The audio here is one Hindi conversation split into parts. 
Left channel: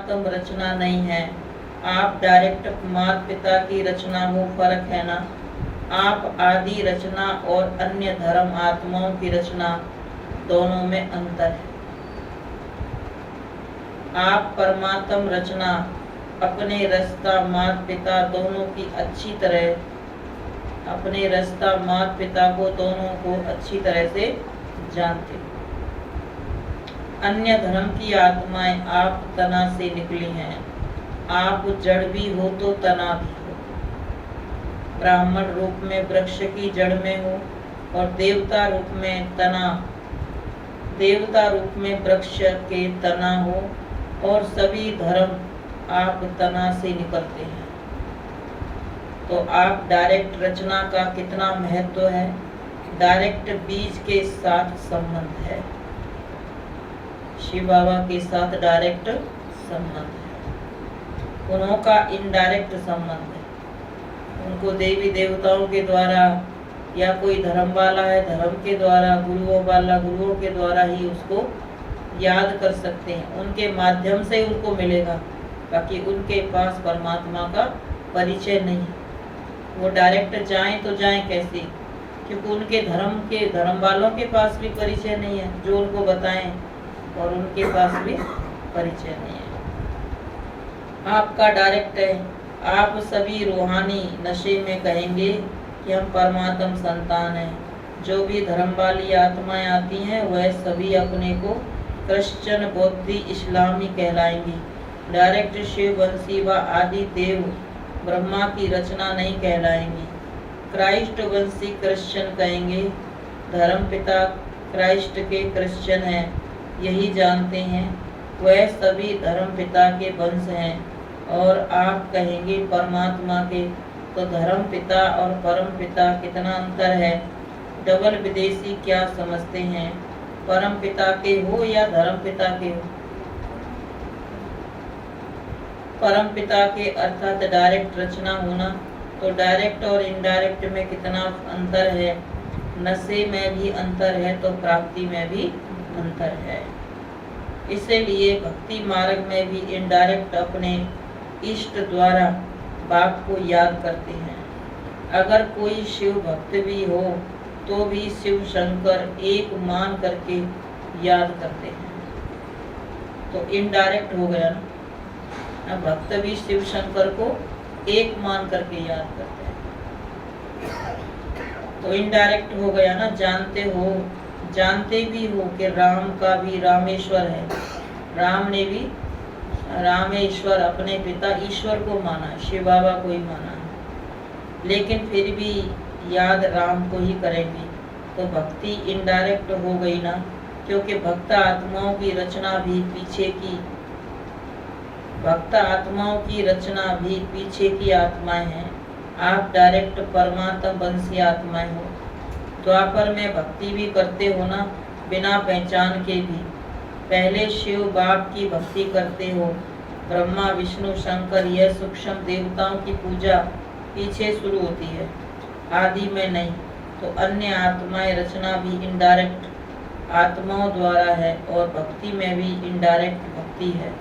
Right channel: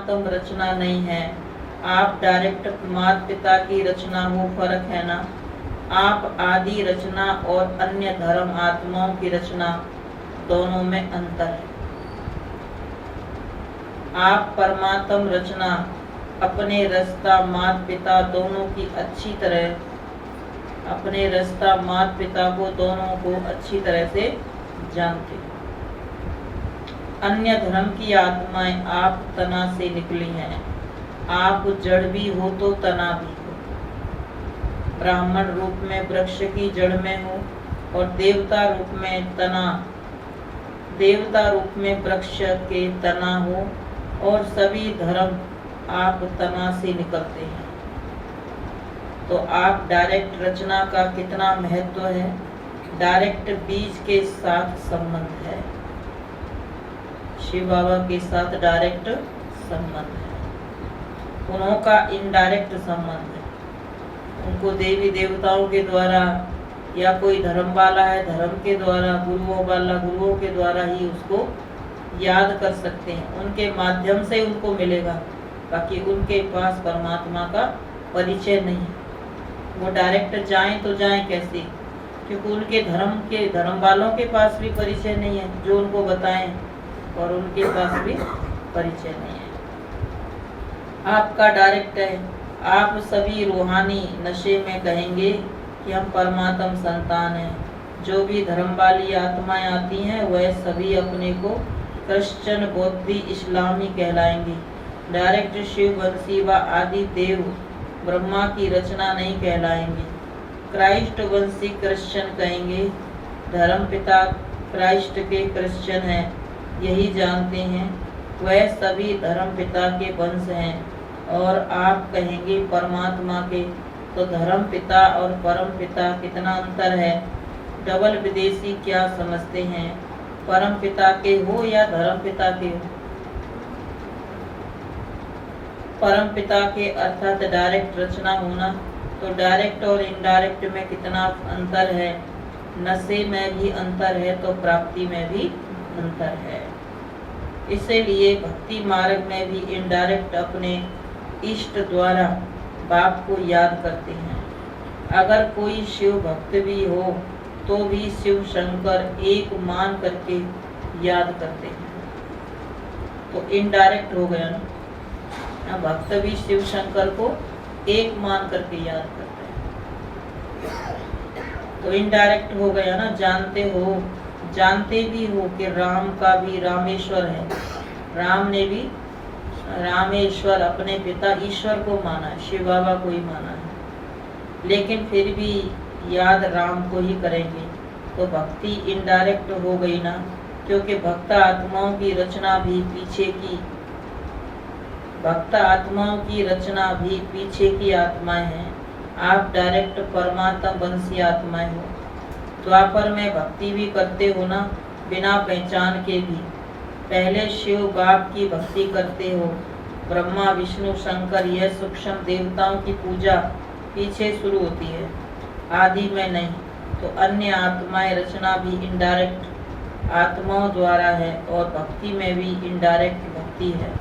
तुम रचना नहीं है, आप डायरेक्ट माता पिता की रचना हो, फर्क है ना। आप आदि रचना और अन्य धर्म आत्माओं की रचना, दोनों में अंतर है। आप परमात्म रचना अपने रास्ता माता पिता दोनों की अच्छी तरह, अपने रास्ता माता पिता को दोनों को अच्छी तरह से जानते। अन्य धर्म की आत्माएं आप तना से निकली हैं। आप जड़ भी हो तो तना भी हो। ब्राह्मण रूप में वृक्ष की जड़ में हो और देवता रूप में तना, देवता रूप में वृक्ष के तना हो, और सभी धर्म आप तना से निकलते हैं। तो आप डायरेक्ट रचना का कितना महत्व है। डायरेक्ट बीज के साथ संबंध है, शिव बाबा के साथ डायरेक्ट संबंध है। उनका इनडायरेक्ट संबंध है। उनको देवी देवताओं के द्वारा या कोई धर्म वाला है धर्म के द्वारा, गुरुओं वाला गुरुओं के द्वारा ही उसको याद कर सकते हैं। उनके माध्यम से उनको मिलेगा, बाकी उनके पास परमात्मा का परिचय नहीं है। वो डायरेक्ट जाएं तो जाएं कैसे, क्योंकि उनके धर्म वालों के पास भी परिचय नहीं है जो उनको बताएं, और उनके पास भी परिचय नहीं है। आपका डायरेक्ट है। आप सभी रूहानी नशे में कहेंगे कि हम परमात्म संतान हैं। जो भी धर्म वाली आत्माएं आती हैं वह सभी अपने को क्रिश्चियन, बौद्धी, इस्लामी कहलाएंगी। डायरेक्ट शिव वंशी व आदि देव ब्रह्मा की रचना नहीं कहलाएंगी। क्राइस्ट वंशी क्रिश्चियन कहेंगे। धर्म पिता क्राइस्ट के क्रिश्चियन हैं, यही जानते हैं। वह सभी धर्म पिता के वंश हैं। और आप कहेंगे परमात्मा के, तो धर्म पिता और परम पिता कितना अंतर है। डबल विदेशी क्या समझते हैं, परम पिता के हो या धर्म पिता के हो। परम पिता के अर्थात डायरेक्ट रचना होना, तो डायरेक्ट और इनडायरेक्ट में कितना अंतर है। नशे में भी अंतर है तो प्राप्ति में भी अंतर है। इसलिए भक्ति मार्ग में भी इनडायरेक्ट अपने इष्ट द्वारा बाप को याद करते हैं। अगर कोई शिव भक्त भी हो तो भी शिव शंकर एक मान करके याद करते हैं, तो इनडायरेक्ट हो गया ना। भक्त भी शिव शंकर को एक मान करके याद करते हैं, तो इनडायरेक्ट हो गया ना। जानते भी हो कि राम का भी रामेश्वर है। राम ने भी रामेश्वर अपने पिता ईश्वर को माना है, शिव बाबा को ही माना है, लेकिन फिर भी याद राम को ही करेंगे। तो भक्ति इनडायरेक्ट हो गई ना, क्योंकि भक्त आत्माओं की रचना भी पीछे की आत्माएं हैं। आप डायरेक्ट परमात्मा वंशी आत्माएं हो। द्वापर में भक्ति भी करते हो ना, बिना पहचान के भी। पहले शिव बाप की भक्ति करते हो। ब्रह्मा विष्णु शंकर यह सूक्ष्म देवताओं की पूजा पीछे शुरू होती है, आदि में नहीं। तो अन्य आत्माएं रचना भी इनडायरेक्ट आत्माओं द्वारा है, और भक्ति में भी इनडायरेक्ट भक्ति है।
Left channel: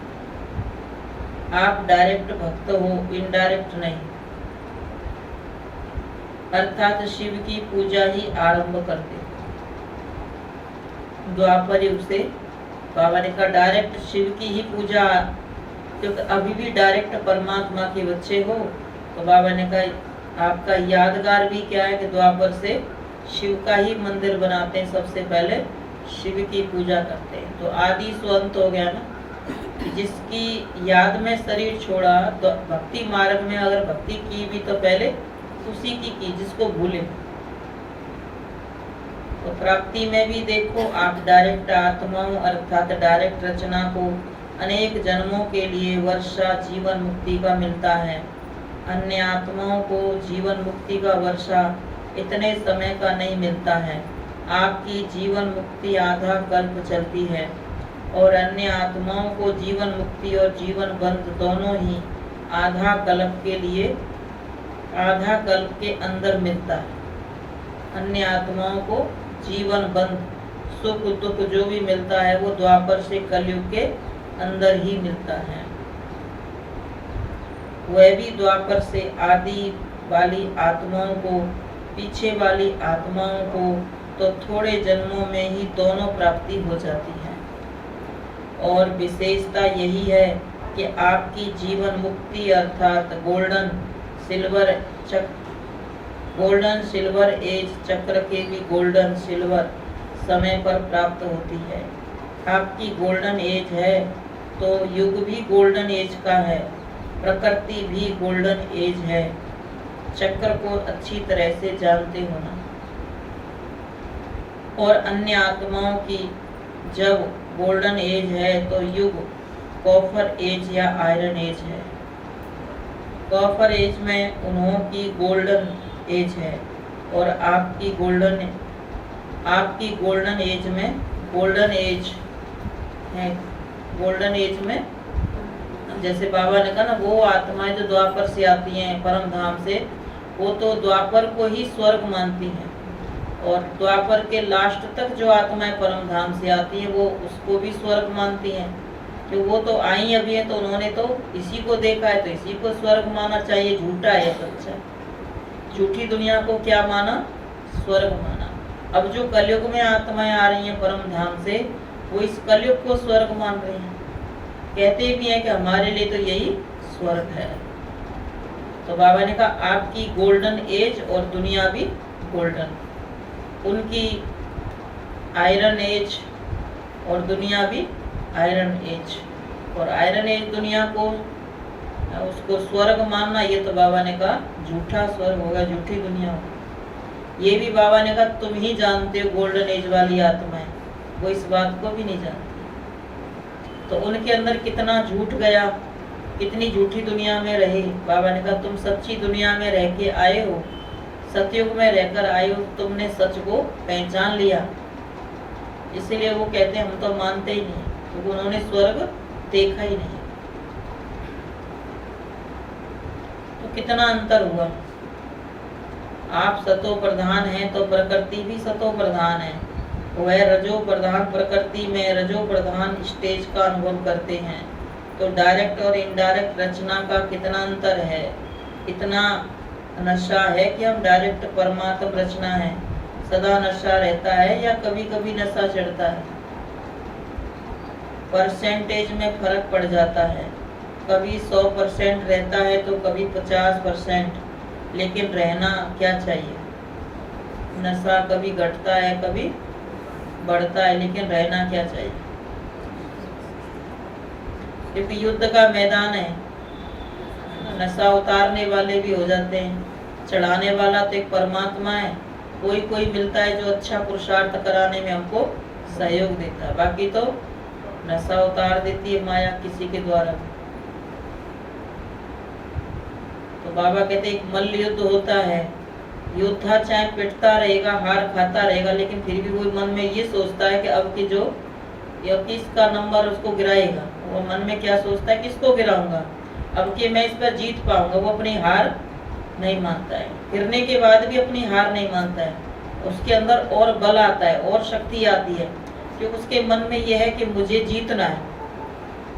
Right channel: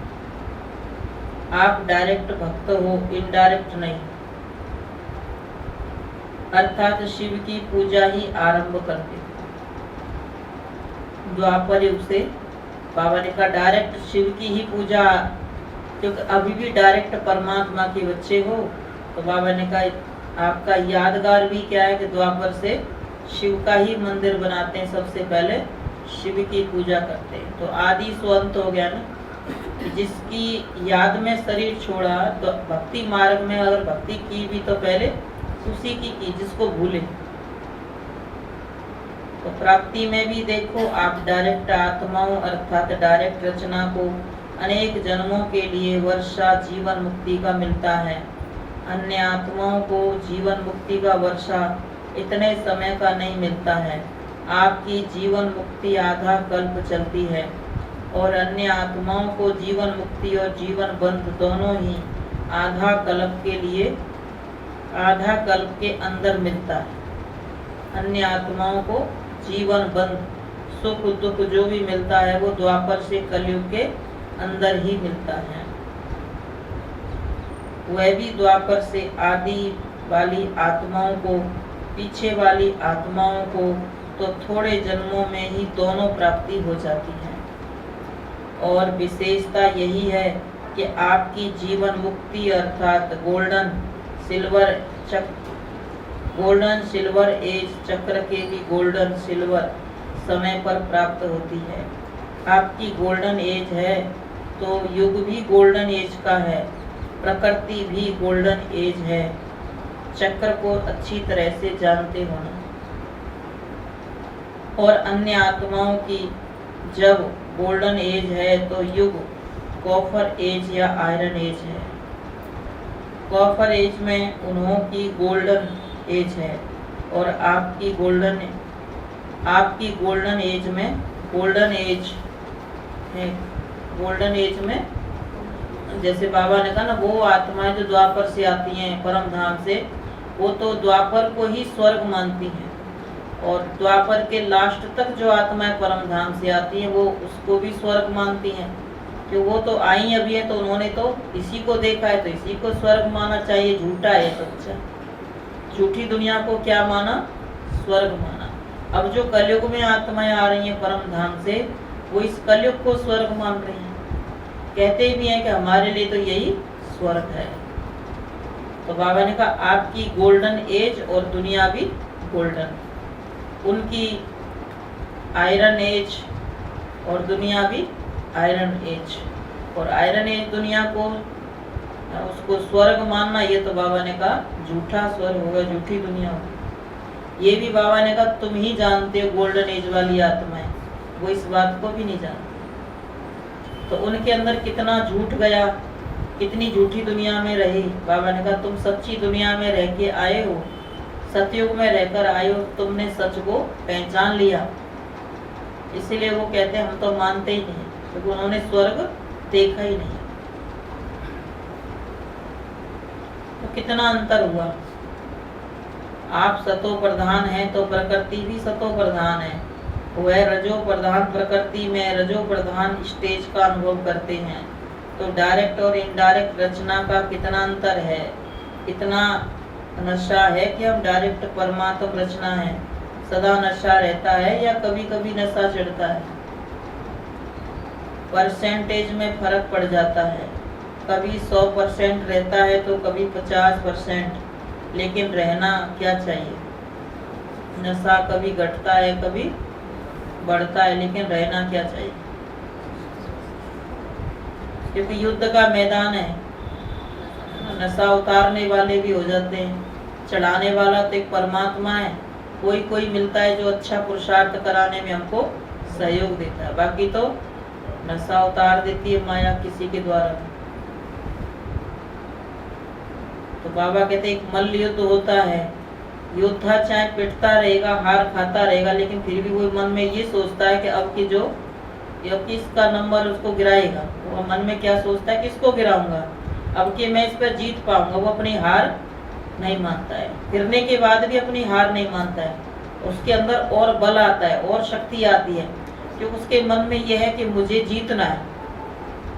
आप डायरेक्ट भक्त हो, इनडायरेक्ट नहीं। अर्थात शिव की पूजा ही आरंभ करते। द्वापर युग से बाबा ने कहा डायरेक्ट शिव की ही पूजा, क्योंकि अभी भी डायरेक्ट परमात्मा के बच्चे हो। तो बाबा ने कहा आपका यादगार भी क्या है कि द्वापर से शिव का ही मंदिर बनाते हैं, सबसे पहले शिव की पूजा करते हैं। तो आदि स्वंत हो गया ना, जिसकी याद में शरीर छोड़ा, तो भक्ति मार्ग में अगर भक्ति की भी तो पहले उसी की जिसको भूले। तो प्राप्ति में भी देखो, आप डायरेक्ट आत्माओं अर्थात डायरेक्ट रचना को अनेक जन्मों के लिए वर्षा जीवन मुक्ति का मिलता है। अन्य आत्माओं को जीवन मुक्ति का वर्षा इतने समय का नहीं मिलता है। आपकी जीवन मुक्ति आधा कल्प चलती है, और अन्य आत्माओं को जीवन मुक्ति और जीवन बंध दोनों ही आधा कल्प के अंदर मिलता है। अन्य आत्माओं को जीवन बंध सुख दुख जो भी मिलता है वो द्वापर से कलयुग के अंदर ही मिलता है। वह भी द्वापर से आदि वाली आत्माओं को, पीछे वाली आत्माओं को तो थोड़े जन्मों में ही दोनों प्राप्ति हो जाती है। और विशेषता यही है कि आपकी जीवन मुक्ति अर्थात गोल्डन सिल्वर एज चक्र के भी गोल्डन सिल्वर समय पर प्राप्त होती है। आपकी गोल्डन एज है तो युग भी गोल्डन एज का है, प्रकृति भी गोल्डन एज है। चक्र को अच्छी तरह से जानते होना। और अन्य आत्माओं की जब गोल्डन एज है तो युग कॉपर एज या आयरन एज है। कॉपर एज में उन्हों की गोल्डन एज है और आपकी गोल्डन एज में गोल्डन एज है। गोल्डन एज में जैसे बाबा ने कहा ना, वो आत्माएं जो द्वापर से आती हैं परम धाम से, वो तो द्वापर को ही स्वर्ग मानती हैं। और द्वापर के लास्ट तक जो आत्माएं परम धाम से आती हैं वो उसको भी स्वर्ग मानती हैं, कि वो तो आई अभी है तो उन्होंने तो इसी को देखा है तो इसी को स्वर्ग माना चाहिए। झूठा है सच्चा, झूठी दुनिया को क्या माना? स्वर्ग माना। अब जो कलयुग में आत्माएं आ रही हैं परम धाम से, वो इस कलयुग को स्वर्ग मान रही हैं। कहते भी हैं कि हमारे लिए तो यही स्वर्ग है। तो बाबा ने कहा आपकी गोल्डन एज और दुनिया भी गोल्डन, उनकी आयरन एज और दुनिया भी आयरन एज। और आयरन एज दुनिया को उसको स्वर्ग मानना, ये तो बाबा ने कहा झूठा स्वर्ग होगा, झूठी दुनिया होगी। ये भी बाबा ने कहा तुम ही जानते हो गोल्डन एज वाली आत्माएं, वो इस बात को भी नहीं जानते। तो उनके अंदर कितना झूठ गया, कितनी झूठी दुनिया में रहे। बाबा ने कहा तुम सच्ची दुनिया में रह के आए हो, सतयुग में रहकर आए हो, तुमने सच को पहचान लिया। इसीलिए वो कहते हैं हम तो मानते ही नहीं, क्योंकि उन्होंने स्वर्ग देखा ही नहीं। तो कितना अंतर हुआ। आप सतो प्रधान हैं तो प्रकृति भी सतो प्रधान है। वह रजो प्रधान प्रकृति में रजो प्रधान स्टेज का अनुभव करते हैं। तो डायरेक्ट और इनडायरेक्ट रचना का कितना अंतर है। इतना नशा है कि हम डायरेक्ट परमात्म रचना है, सदा नशा रहता है या कभी कभी नशा चढ़ता है। परसेंटेज में फर्क पड़ जाता है, कभी 100% रहता है तो कभी 50%। लेकिन रहना क्या चाहिए? नशा कभी घटता है कभी बढ़ता है, लेकिन रहना क्या चाहिए? क्योंकि युद्ध का मैदान है, नशा उतारने वाले भी हो जाते हैं, चढ़ाने वाला तो एक परमात्मा है। कोई कोई मिलता है जो अच्छा पुरुषार्थ कराने में हमको सहयोग देता है, बाकी तो नशा उतार देती है माया किसी के द्वारा। तो बाबा कहते एक मल्ल युद्ध होता है, योद्धा चाहे पिटता रहेगा, हार खाता रहेगा, लेकिन फिर भी वो मन में ये सोचता है कि अब किसका नंबर उसको गिराएगा। वो मन में क्या सोचता है, किसको गिराऊंगा, अब कि मैं इस पर जीत पाऊंगा। वो अपनी हार नहीं मानता है, गिरने के बाद भी अपनी हार नहीं मानता है। उसके अंदर और बल आता है और शक्ति आती है, क्योंकि उसके मन में यह है कि मुझे जीतना है।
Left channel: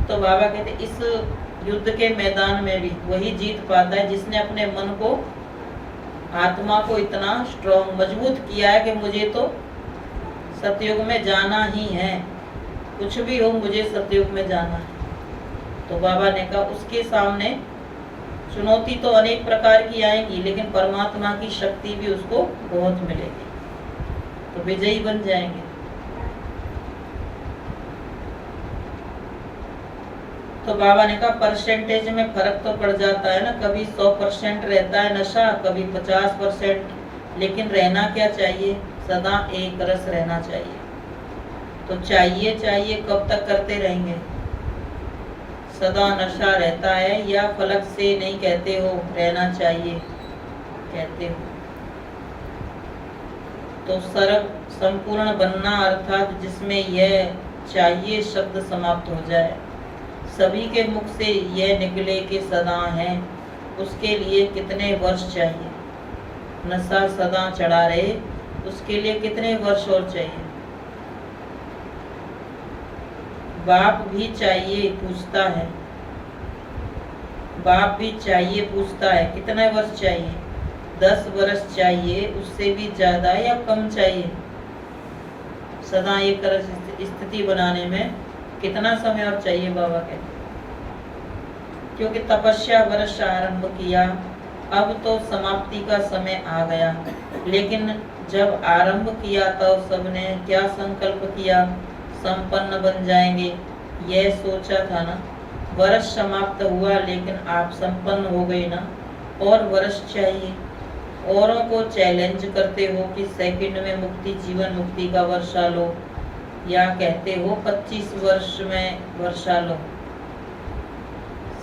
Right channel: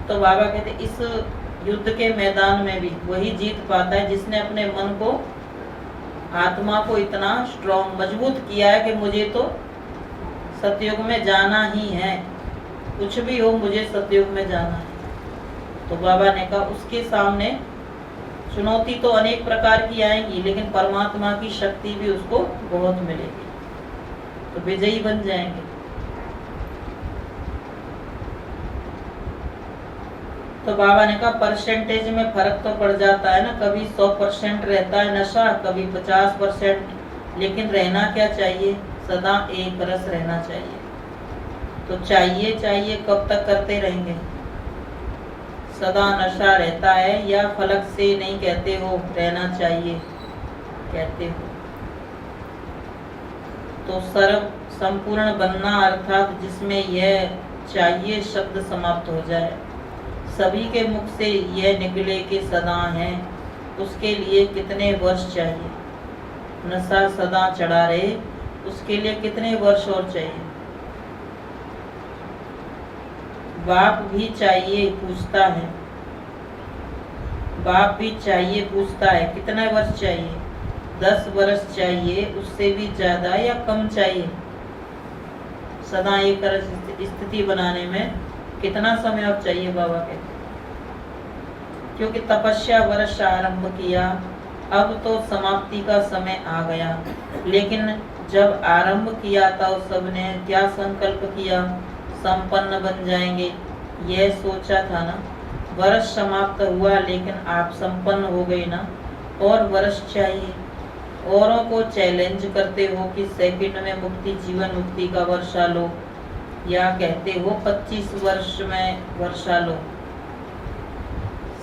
तो बाबा कहते इस युद्ध के मैदान में भी वही जीत पाता है जिसने अपने मन को, आत्मा को इतना स्ट्रॉन्ग मजबूत किया है कि मुझे तो सतयुग में जाना ही है, कुछ भी हो मुझे सतयुग में जाना है। तो बाबा ने कहा उसके सामने चुनौती तो अनेक प्रकार की आएंगी, लेकिन परमात्मा की शक्ति भी उसको बहुत मिलेगी, तो विजयी बन जाएंगे। तो बाबा ने कहा परसेंटेज में फर्क तो पड़ जाता है ना, कभी 100% रहता है नशा, कभी 50%। लेकिन रहना क्या चाहिए? सदा एक रस रहना चाहिए। तो चाहिए कब तक करते रहेंगे? सदा नशा रहता है या फलक से नहीं कहते हो रहना चाहिए, कहते हो। तो सर्व संपूर्ण बनना अर्थात जिसमें यह चाहिए शब्द समाप्त हो जाए, सभी के मुख से यह निकले कि सदा है, उसके लिए कितने वर्ष चाहिए? नशा सदा चढ़ा रहे, उसके लिए कितने वर्ष और चाहिए? बाप भी चाहिए, पूछता है बाप भी चाहिए पूछता है कितने वर्ष चाहिए, 10 वर्ष चाहिए, उससे भी ज्यादा या कम चाहिए। सदा एक स्थिति बनाने में कितना समय और चाहिए, बाबा कहते। क्योंकि तपस्या वर्ष आरंभ किया, अब तो समाप्ति का समय आ गया। लेकिन जब आरंभ किया तो सबने क्या संकल्प किया, संपन्न बन जाएंगे, यह सोचा था ना। वर्ष समाप्त हुआ लेकिन आप संपन्न हो गए ना, और वर्ष चाहिए। औरों को चैलेंज करते हो कि सेकंड में मुक्ति, जीवन मुक्ति का वर्षा लो, या कहते हो 25 वर्ष में वर्षा लो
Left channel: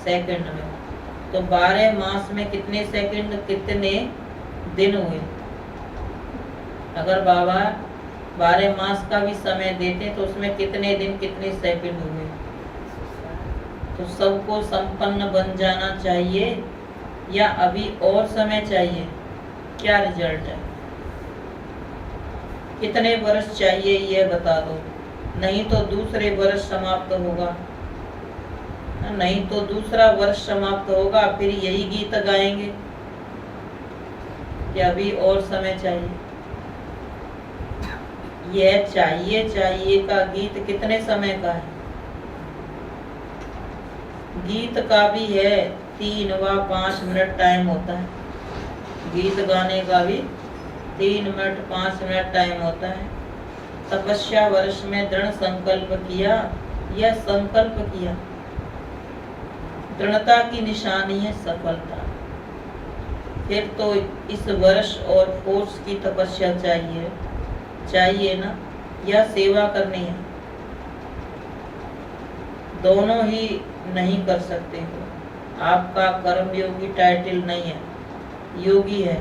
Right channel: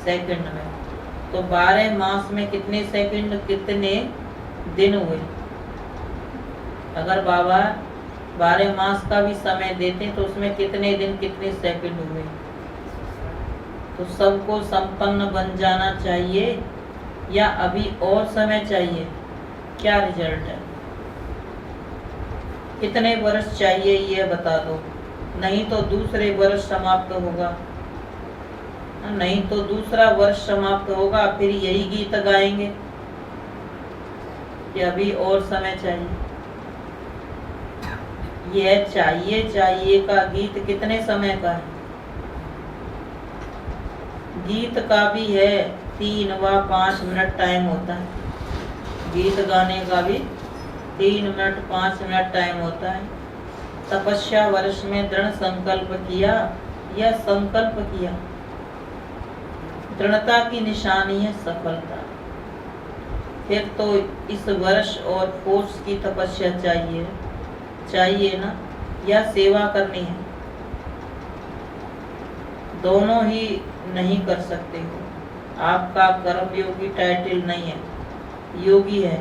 सेकंड में। तो 12 मास में कितने सेकंड, कितने दिन हुए। अगर बाबा 12 मास का भी समय देते तो उसमें कितने दिन, कितने सेकंड हुए। तो सबको संपन्न बन जाना चाहिए या अभी और समय चाहिए, क्या रिजल्ट है, कितने वर्ष चाहिए ये बता दो। नहीं तो दूसरे वर्ष समाप्त होगा, नहीं तो दूसरा वर्ष समाप्त होगा, फिर यही गीत गाएंगे कि अभी और समय चाहिए। यह चाहिए चाहिए का गीत कितने समय का है। गीत का भी है 3 व 5 मिनट टाइम होता है। गीत गाने का भी 3 मिनट 5 मिनट टाइम होता है। तपस्या वर्ष में दृढ़ संकल्प किया या संकल्प किया, दृढ़ता की निशानी है सफलता। फिर तो इस वर्ष और फोर्स की तपस्या चाहिए ना, या सेवा करनी है। दोनों ही नहीं कर सकते हो। आपका कर्म योगी टाइटल नहीं है, योगी है।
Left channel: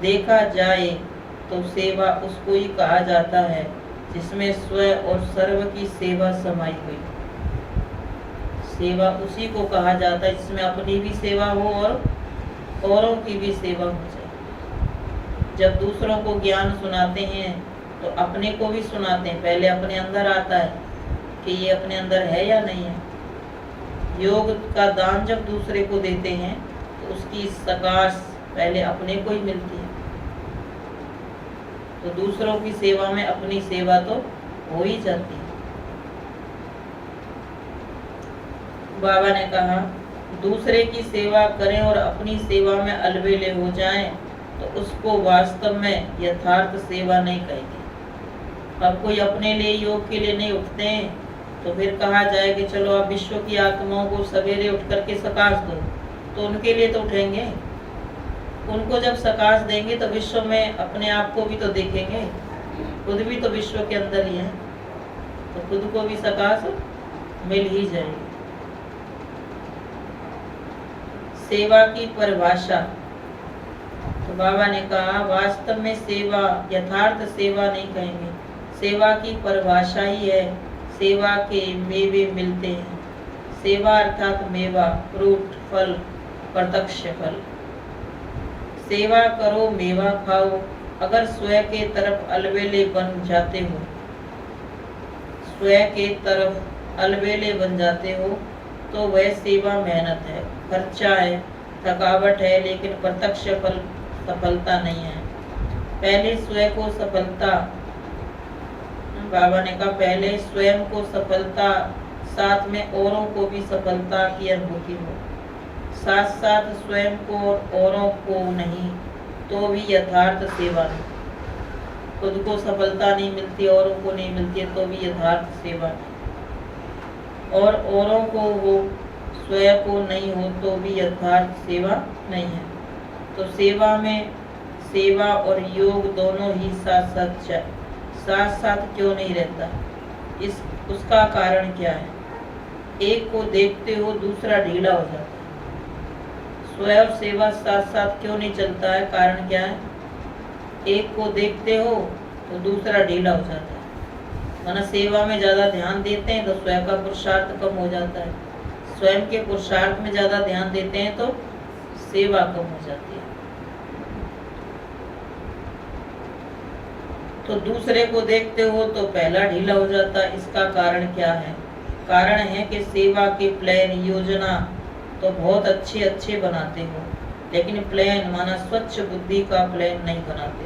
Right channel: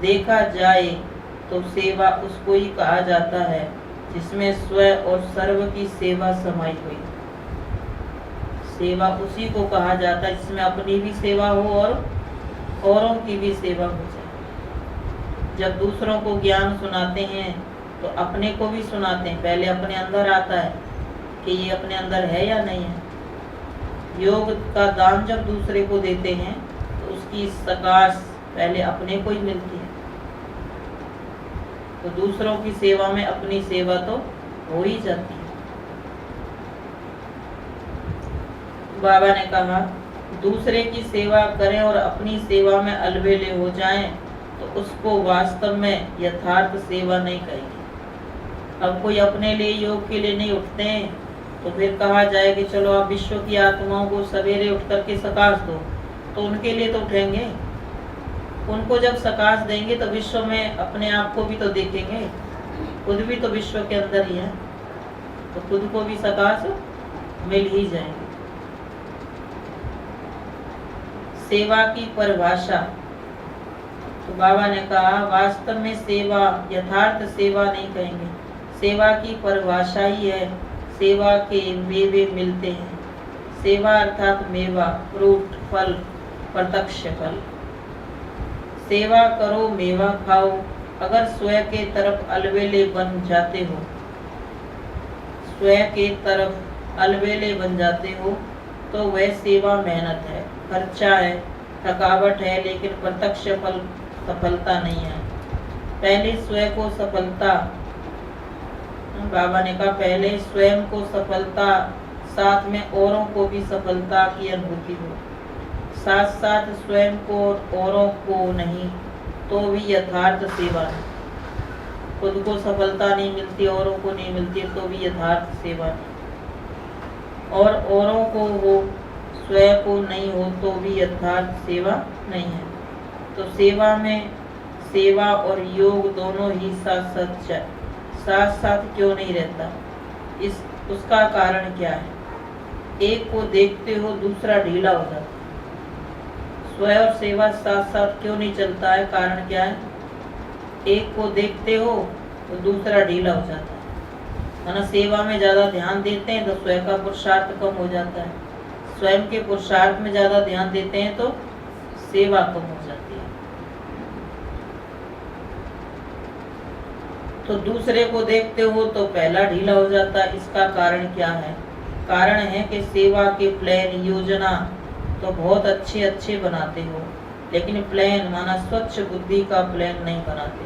देखा जाए तो सेवा उसको ही कहा जाता है जिसमें स्व और सर्व की सेवा समाई हुई। सेवा उसी को कहा जाता है जिसमें अपनी भी सेवा हो और औरों की भी सेवा हो जाए। जब दूसरों को ज्ञान सुनाते हैं तो अपने को भी सुनाते हैं। पहले अपने अंदर आता है कि ये अपने अंदर है या नहीं है। योग का दान जब दूसरे को देते हैं तो उसकी सकाश पहले अपने को ही मिलती है। तो दूसरों की सेवा में अपनी सेवा तो हो ही जाती है। बाबा ने कहा दूसरे की सेवा करें और अपनी सेवा में अलबेले हो जाएं तो उसको वास्तव में यथार्थ सेवा नहीं कहेगी। अब कोई अपने लिए योग के लिए नहीं उठते हैं तो फिर कहा जाए कि चलो आप विश्व की आत्माओं को सवेरे उठ करके सकाश दो, तो उनके लिए तो उठेंगे। उनको जब सकाश देंगे तो विश्व में अपने आप को भी तो देखेंगे। खुद भी तो विश्व के अंदर ही है, तो खुद को भी सकाश मिल ही जाएगी। सेवा की परिभाषा, तो बाबा ने कहा वास्तव में सेवा यथार्थ सेवा नहीं कहेंगे। सेवा की परिभाषा ही है सेवा के मेवे मिलते हैं। सेवा अर्थात मेवा, फ्रूट, फल, प्रत्यक्ष फल। सेवा करो मेवा खाओ। अगर स्वयं के तरफ अलबेले बन जाते हो, स्वयं के तरफ अलबेले बन जाते हो तो वह सेवा मेहनत है, खर्चा है, थकावट है, लेकिन प्रत्यक्ष फल सफलता नहीं है। पहले स्वयं को सफलता, बाबा ने कहा पहले स्वयं को सफलता, साथ में औरों को भी सफलता की अनुभूति हो। साथ साथ स्वयं को औरों को नहीं तो भी यथार्थ सेवा नहीं। खुद को सफलता नहीं मिलती, औरों को नहीं मिलती तो भी यथार्थ सेवा नहीं। और औरों को हो, स्वयं को नहीं हो तो भी यथार्थ सेवा नहीं है। तो सेवा में सेवा और योग दोनों ही साथ साथ क्यों नहीं रहता, उसका कारण क्या है। एक को देखते हो दूसरा ढीला हो जाता है। स्वयं और सेवा साथ साथ क्यों नहीं चलता है, कारण क्या है। एक को देखते हो तो दूसरा ढीला हो जाता है। वरना सेवा में ज्यादा ध्यान देते हैं तो स्वयं का पुरुषार्थ कम हो जाता है। स्वयं के पुरुषार्थ में ज्यादा ध्यान देते हैं तो सेवा कम हो जाती है। तो दूसरे को देखते हो तो पहला ढीला हो जाता है। इसका कारण क्या है। कारण है कि सेवा के प्लान, योजना तो बहुत अच्छे अच्छे बनाते हो, लेकिन प्लेन माना स्वच्छ बुद्धि का प्लेन नहीं बनाते।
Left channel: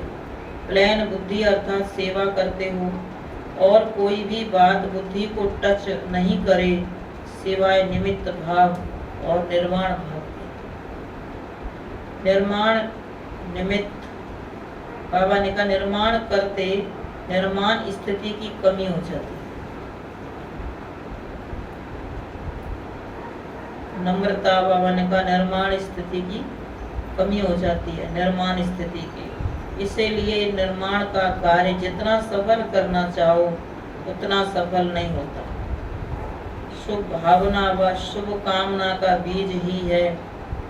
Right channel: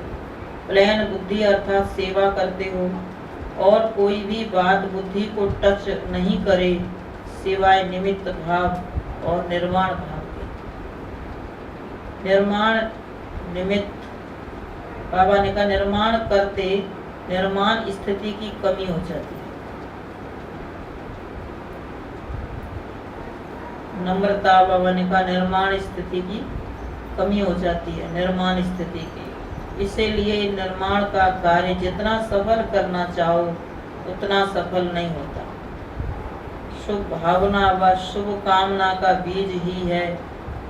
प्लेन बुद्धि अर्थात सेवा करते हो और कोई भी बात बुद्धि को टच नहीं करे सिवाय निमित्त भाव और निर्माण भाव के। निर्माण निमित्त, बाबा ने कहा निर्माण करते निर्माण स्थिति की कमी हो जाती है। नम्रता, बाबा ने कहा निर्माण स्थिति की कमी हो जाती है, निर्माण स्थिति की। इसीलिए निर्माण का कार्य जितना सफल करना चाहो उतना सफल नहीं होता। शुभ भावना व शुभ कामना का बीज ही है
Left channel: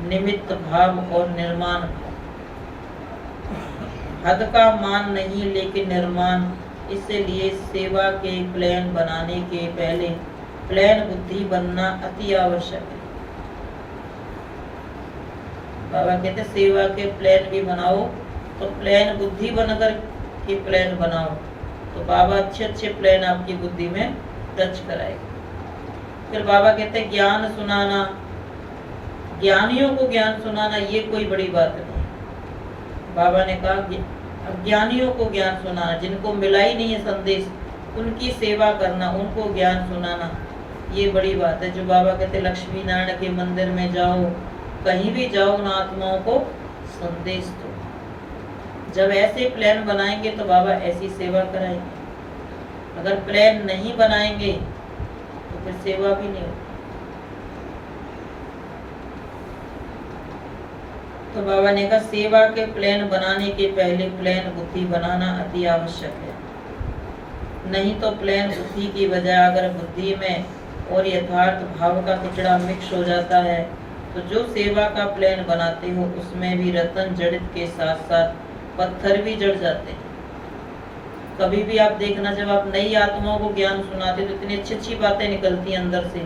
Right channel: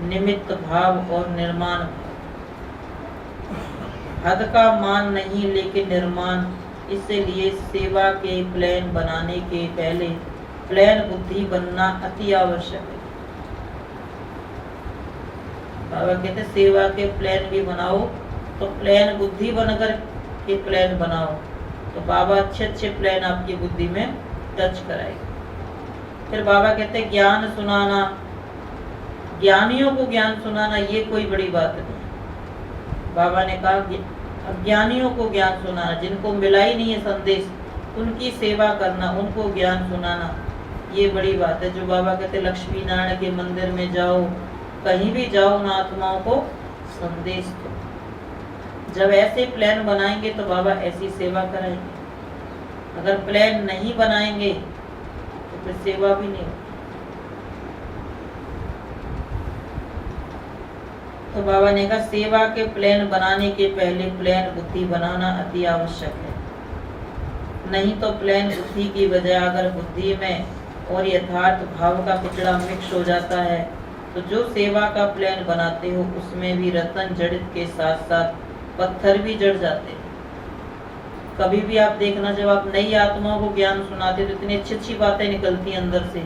निमित्त भाव और निर्माण भाव। हद का मान नहीं लेकिन निर्माण। इसलिए सेवा के प्लान बनाने के पहले प्लान बुद्धि बनना अति आवश्यक है। बाबा कहते सेवा के प्लान भी बनाओ तो प्लान बुद्धि बनकर के प्लान बनाओ, तो बाबा अच्छे अच्छे प्लान आपकी बुद्धि में टच कराएगा। फिर बाबा कहते ज्ञान सुनाना, ज्ञानियों को ज्ञान सुनाना ये कोई बड़ी बात नहीं। बाबा ने कहा अज्ञानियों को ज्ञान सुनाना, जिनको मिला ही नहीं है संदेश, उनकी सेवा करना, उनको ज्ञान सुनाना ये बड़ी बात है। जो बाबा कहते लक्ष्मी नारायण के मंदिर में जाओ, कहीं भी जाओ, उन आत्माओं को संदेश दो। जब ऐसे प्लान बनाएंगे तो बाबा ऐसी सेवा कराएंगे। अगर प्लान नहीं बनाएंगे तो फिर सेवा भी नहीं होगी। तो बाबा ने कहा सेवा के प्लान बनाने के पहले प्लान बुद्धि बनाना अति आवश्यक है। नहीं तो प्लान बुद्धि की बजाय अगर बुद्धि में और यथार्थ भाव का कचड़ा मिक्स हो जाता है तो जो सेवा का प्लान बनाते हो उसमें भी रतन जड़ित के साथ साथ पत्थर भी जड़ जाते हैं। कभी भी आप देखना, जब आप नई आत्माओं को ज्ञान सुनाते तो इतनी अच्छी अच्छी बातें निकलती हैं अंदर से,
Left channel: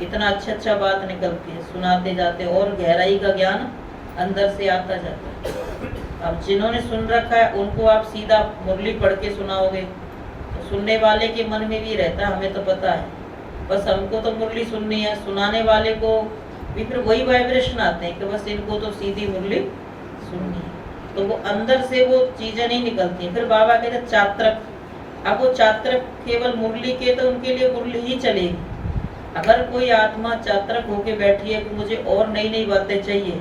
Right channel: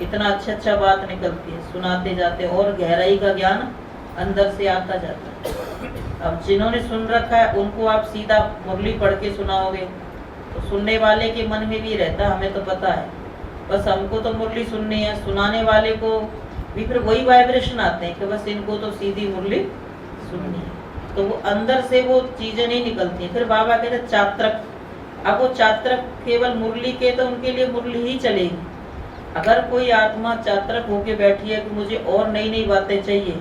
इतना अच्छा बात निकलती है, सुनाते जाते और गहराई का ज्ञान अंदर से आता जाता है। अब जिन्होंने सुन रखा है उनको आप सीधा मुरली पढ़ के सुनाओगे तो सुनने वाले के मन में भी रहता, हमें तो पता है, बस हमको तो मुरली सुननी है। सुनाने वाले को भी फिर वही वाइब्रेशन आते हैं कि बस इनको तो सीधी मुरली सुननी है, तो वो अंदर से वो चीजें नहीं निकलती हैं। फिर बाबा कहते हैं चात्रक, अब वो चात्रक केवल मुरली के, तो उनके लिए मुरली ही चलेगी। अगर कोई आत्मा चात्रक होके बैठी है कि मुझे और नई नई बातें चाहिए,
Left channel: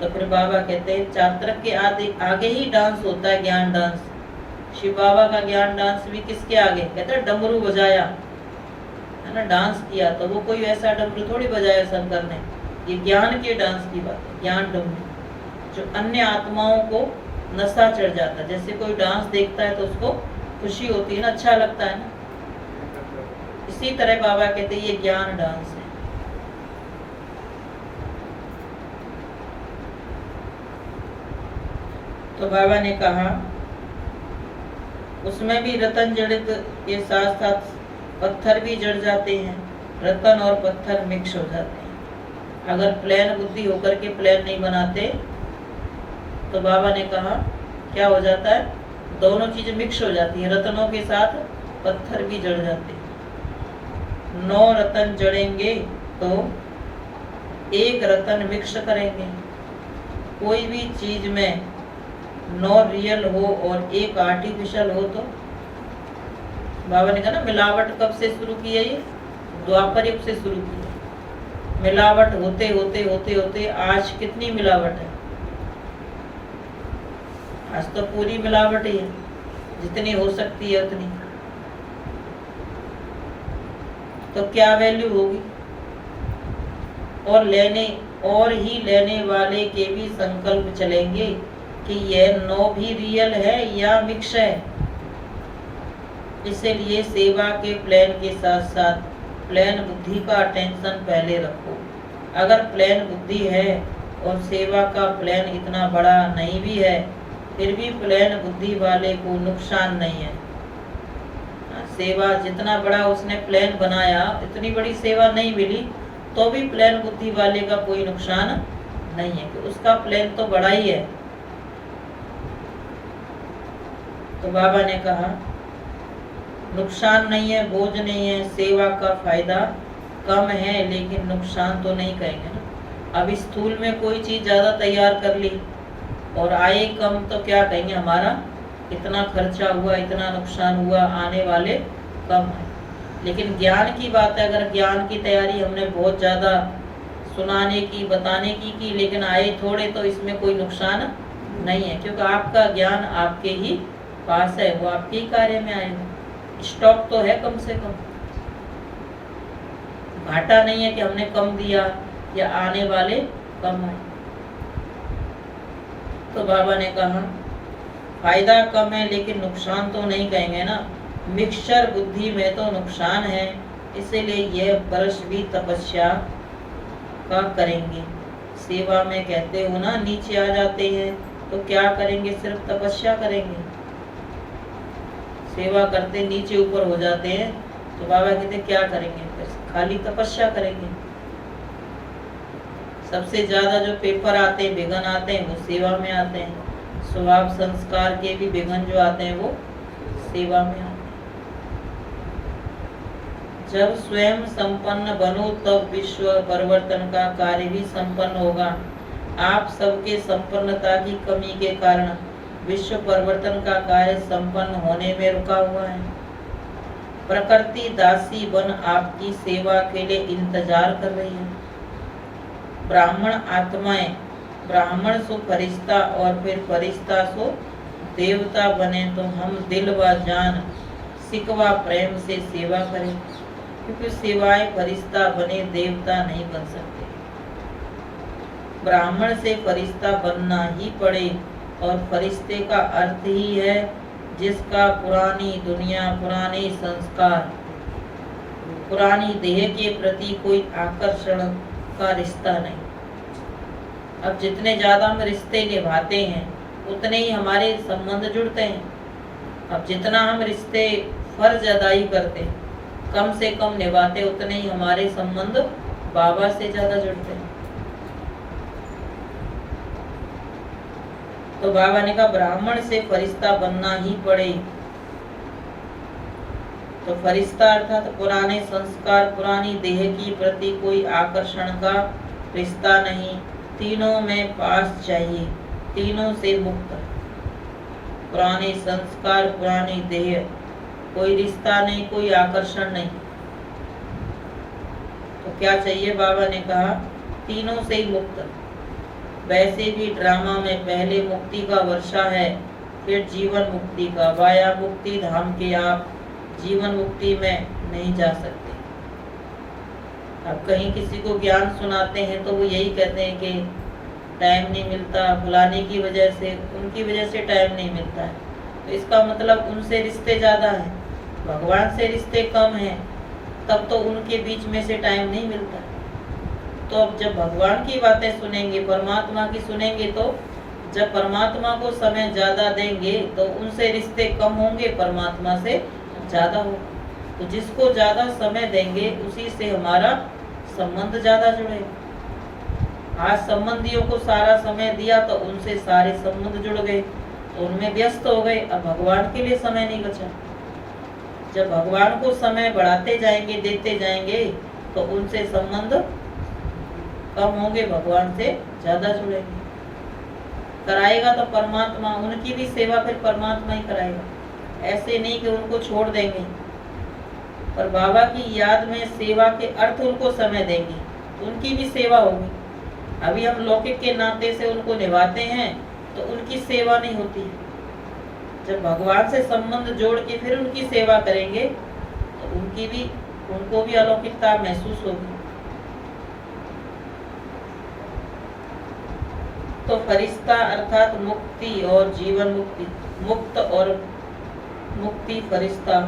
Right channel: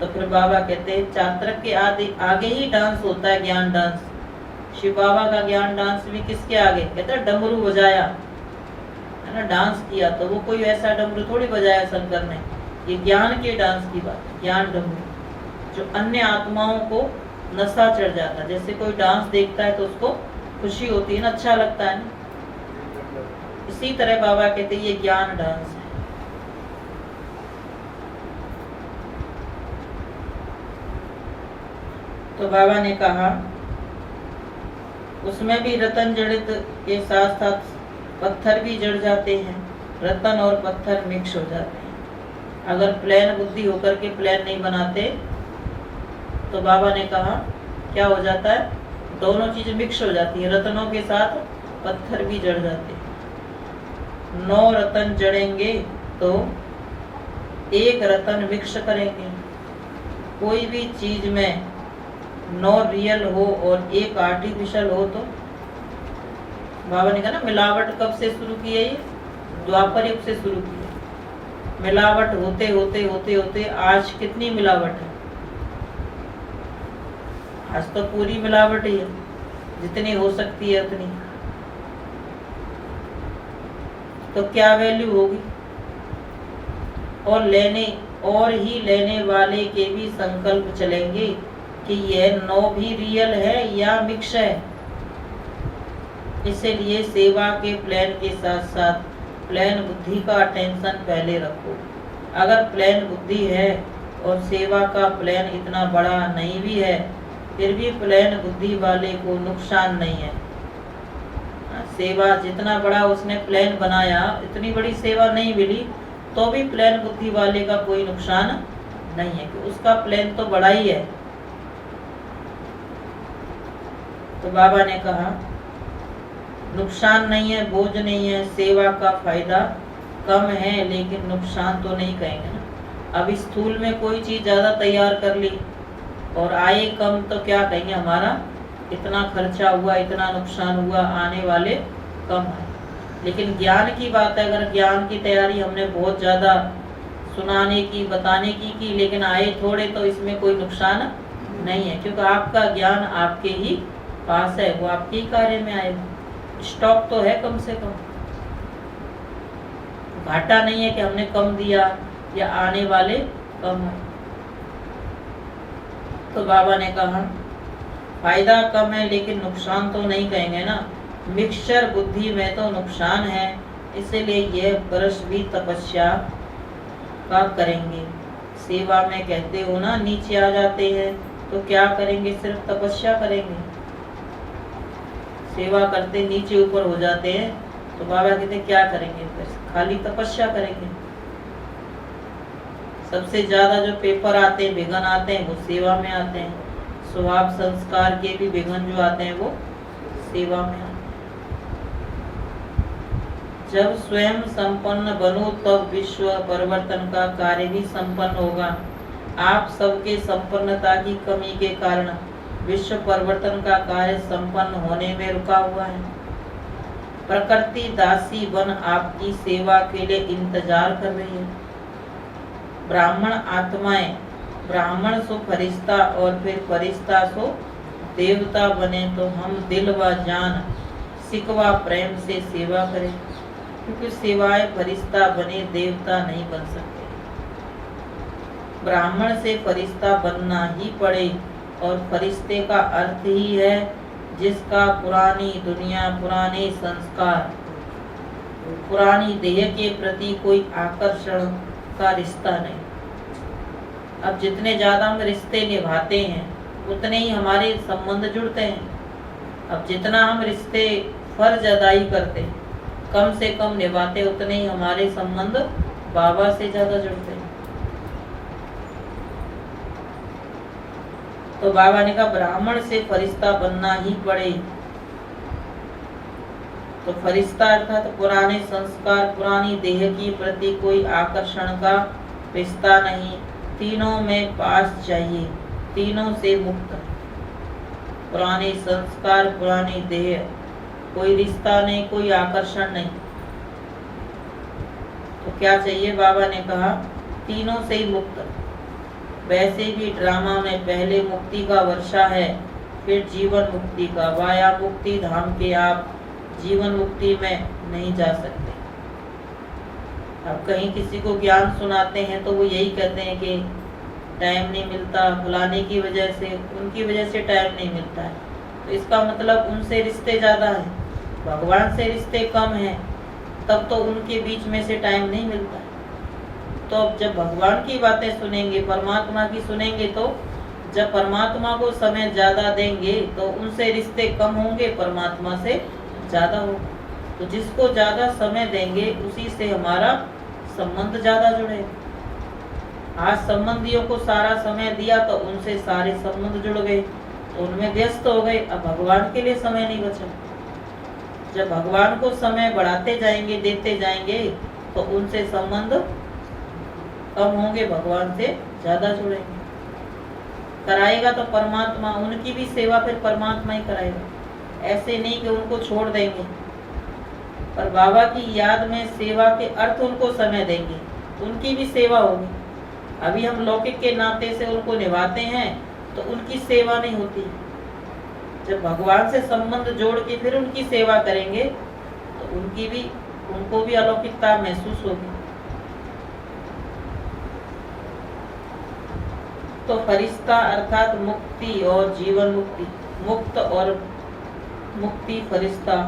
तो फिर बाबा कहते हैं चात्रक के आगे ही डांस होता है, ज्ञान डांस। शिव बाबा का ज्ञान डांस भी किसके आगे? कहते हैं डमरू बजाया है ना, डांस किया, तो वो कोई ऐसा डमरू थोड़ी बजाया शंकर ने, ये ज्ञान के डांस की बात, ज्ञान डमरू जो अन्य आत्माओं को नशा चढ़ जाता है। जैसे कोई डांस देखता है तो उसको खुशी होती है ना, अच्छा लगता है ना, इसी तरह बाबा कहते हैं ये ज्ञान डांस है। तो बाबा ने कहा उसमें भी रतन जड़ित के साथ साथ पत्थर भी जड़ जाते हैं, रतन और पत्थर मिक्स हो जाते हैं। अगर प्लेन बुद्धि होकर के प्लेन नहीं बनाते तो बाबा ने कहा क्या हो जाता है, दोनों चीजें मिक्स हो जाती हैं, रतनों के साथ पत्थर भी जड़ जाते हैं। 9 रतन जड़ेंगे तो एक रतन मिक्स करेंगे। कोई भी चीज में 9 रियल हो और एक आर्टिफिशियल हो तो बाबा ने कहा ना, मिलावट कब से शुरू की है? ये द्वापर युग से शुरू की है। मिलावट होते होते होते होते आज कितनी मिलावट है? आज तो पूरी मिलावट ही है, जितनी हो सकती है उतनी। तो क्या वैल्यू होगी? और ही लेने वाले के भी संकल्प चलेंगे कि यह 9 भी रियल है या मिक्स है। इसलिए सेवा के प्लान के साथ साथ प्लान बुद्धि का टेंशन पहले रखो। अगर प्लान बुद्धि है और सेवा का प्लान इतना बड़ा नहीं भी है, फिर भी प्लान बुद्धि वाले को नुकसान नहीं है। सेवा जितना बड़ा उसने प्लान बनाया, इतनी बड़ी सेवा नहीं मिली तो भी प्लान बुद्धि वाले का कोई नुकसान नहीं है कि उसका प्लान तो बड़ा ही है। तो बाबा ने कहा नुकसान नहीं है, बोझ नहीं है, सेवा का फायदा कम है, लेकिन नुकसान तो नहीं कहेंगे ना। अब स्थूल में कोई चीज ज्यादा तैयार कर ली और आए कम, तो क्या कहेंगे हमारा इतना खर्चा हुआ, इतना नुकसान हुआ, आने वाले कम है। लेकिन ज्ञान की बात है, अगर ज्ञान की तैयारी हमने बहुत ज्यादा सुनाने की, बताने की लेकिन आए थोड़े, तो इसमें कोई नुकसान नहीं है, क्योंकि आपका ज्ञान आपके ही पास है, वो आपके ही कार्य में आएगा। स्टॉक तो है कम से कम, घाटा नहीं है कि हमने कम दिया या आने वाले कम है। तो बाबा ने कहा फायदा कम है लेकिन नुकसान तो नहीं कहेंगे ना, मिक्सचर बुद्धि में तो नुकसान है, इसलिए यह वर्ष भी तपस्या का करेंगे। सेवा में कहते हो ना नीचे आ जाते हैं, तो क्या करेंगे, सिर्फ तपस्या करेंगे। सेवा करते नीचे ऊपर हो जाते हैं, तो बाबा कहते क्या करेंगे, फिर खाली तपस्या करेंगे। सबसे ज्यादा जो पेपर आते हैं, विघ्न आते हैं, वो सेवा में आते हैं। स्वभाव संस्कार के भी विघ्न जो आते हैं वो सेवा में आते हैं। जब स्वयं संपन्न बनो तब विश्व परिवर्तन का कार्य भी संपन्न होगा। आप सबके संपन्नता की कमी के कारण विश्व परिवर्तन का कार्य संपन्न होने में रुका हुआ है। प्रकृति दासी बन आपकी सेवा के लिए इंतजार कर रही है। ब्राह्मण आत्माएं, ब्राह्मण सो फरिश्ता और फिर फरिश्ता सो देवता बने, तो हम दिल व जान सिकवा प्रेम से सेवा करें, क्योंकि सिवाय फरिश्ता बने देवता नहीं बन सकते। ब्राह्मण से फरिश्ता बनना ही पड़े, और फरिश्ते का अर्थ ही है जिसका पुरानी दुनिया, पुराने संस्कार, पुरानी देह के प्रति कोई आकर्षण का रिश्ता नहीं। अब जितने ज्यादा हम रिश्ते निभाते हैं उतने ही हमारे संबंध जुड़ते हैं। अब जितना हम रिश्ते फर्ज अदाई करते, कम से कम निभाते, उतने ही हमारे संबंध बाबा से ज्यादा जुड़ते हैं। तो बाबा ने कहा ब्राह्मण से फरिश्ता बनना ही पड़े। तो फरिश्ता अर्थात तो पुराने संस्कार, पुरानी देह की प्रति कोई आकर्षण का रिश्ता नहीं, तीनों में पास चाहिए, तीनों से मुक्त। पुराने संस्कार, पुरानी देह, कोई रिश्ता नहीं, कोई आकर्षण नहीं। तो क्या चाहिए, बाबा ने कहा तीनों से ही मुक्त। वैसे भी ड्रामा में पहले मुक्ति का वर्षा है, फिर जीवन मुक्ति का। वाया मुक्ति धाम के आप जीवन मुक्ति में नहीं जा सकते। अब कहीं किसी को ज्ञान सुनाते हैं तो वो यही कहते हैं कि टाइम नहीं मिलता, फलाने की वजह से, उनकी वजह से टाइम नहीं मिलता है। तो इसका मतलब उनसे रिश्ते ज्यादा हैं, भगवान से रिश्ते कम हैं, तब तो उनके बीच में से टाइम नहीं मिलता। तो अब जब भगवान की बातें सुनेंगे, परमात्मा की सुनेंगे, तो जब परमात्मा को समय ज्यादा देंगे तो उनसे रिश्ते कम होंगे, परमात्मा से ज्यादा हो। तो जिसको ज्यादा समय देंगे उसी से हमारा संबंध ज्यादा जुड़ेगा। आज संबंधियों को सारा समय दिया तो उनसे सारे संबंध जुड़ गए, उनमें व्यस्त हो गए, अब भगवान के लिए समय नहीं बचा। जब भगवान को समय बढ़ाते जाएंगे, देते जाएंगे, तो उनसे संबंध कम होंगे, भगवान से ज्यादा जुड़ेंगे। कराएगा तो परमात्मा, उनकी भी सेवा फिर परमात्मा ही कराएगा। ऐसे नहीं कि उनको छोड़ देंगे, पर बाबा की याद में सेवा के अर्थ उनको समय देंगे, उनकी भी सेवा होगी। अभी हम लौकिक के नाते से उनको निभाते हैं तो उनकी सेवा नहीं होती। जब भगवान से संबंध जोड़ के फिर उनकी सेवा करेंगे तो उनको भी अलौकिकता महसूस होगी। तो फरिश्ता अर्थात मुक्ति और जीवन मुक्ति, मुक्त और मुक्ति फरिश्ता,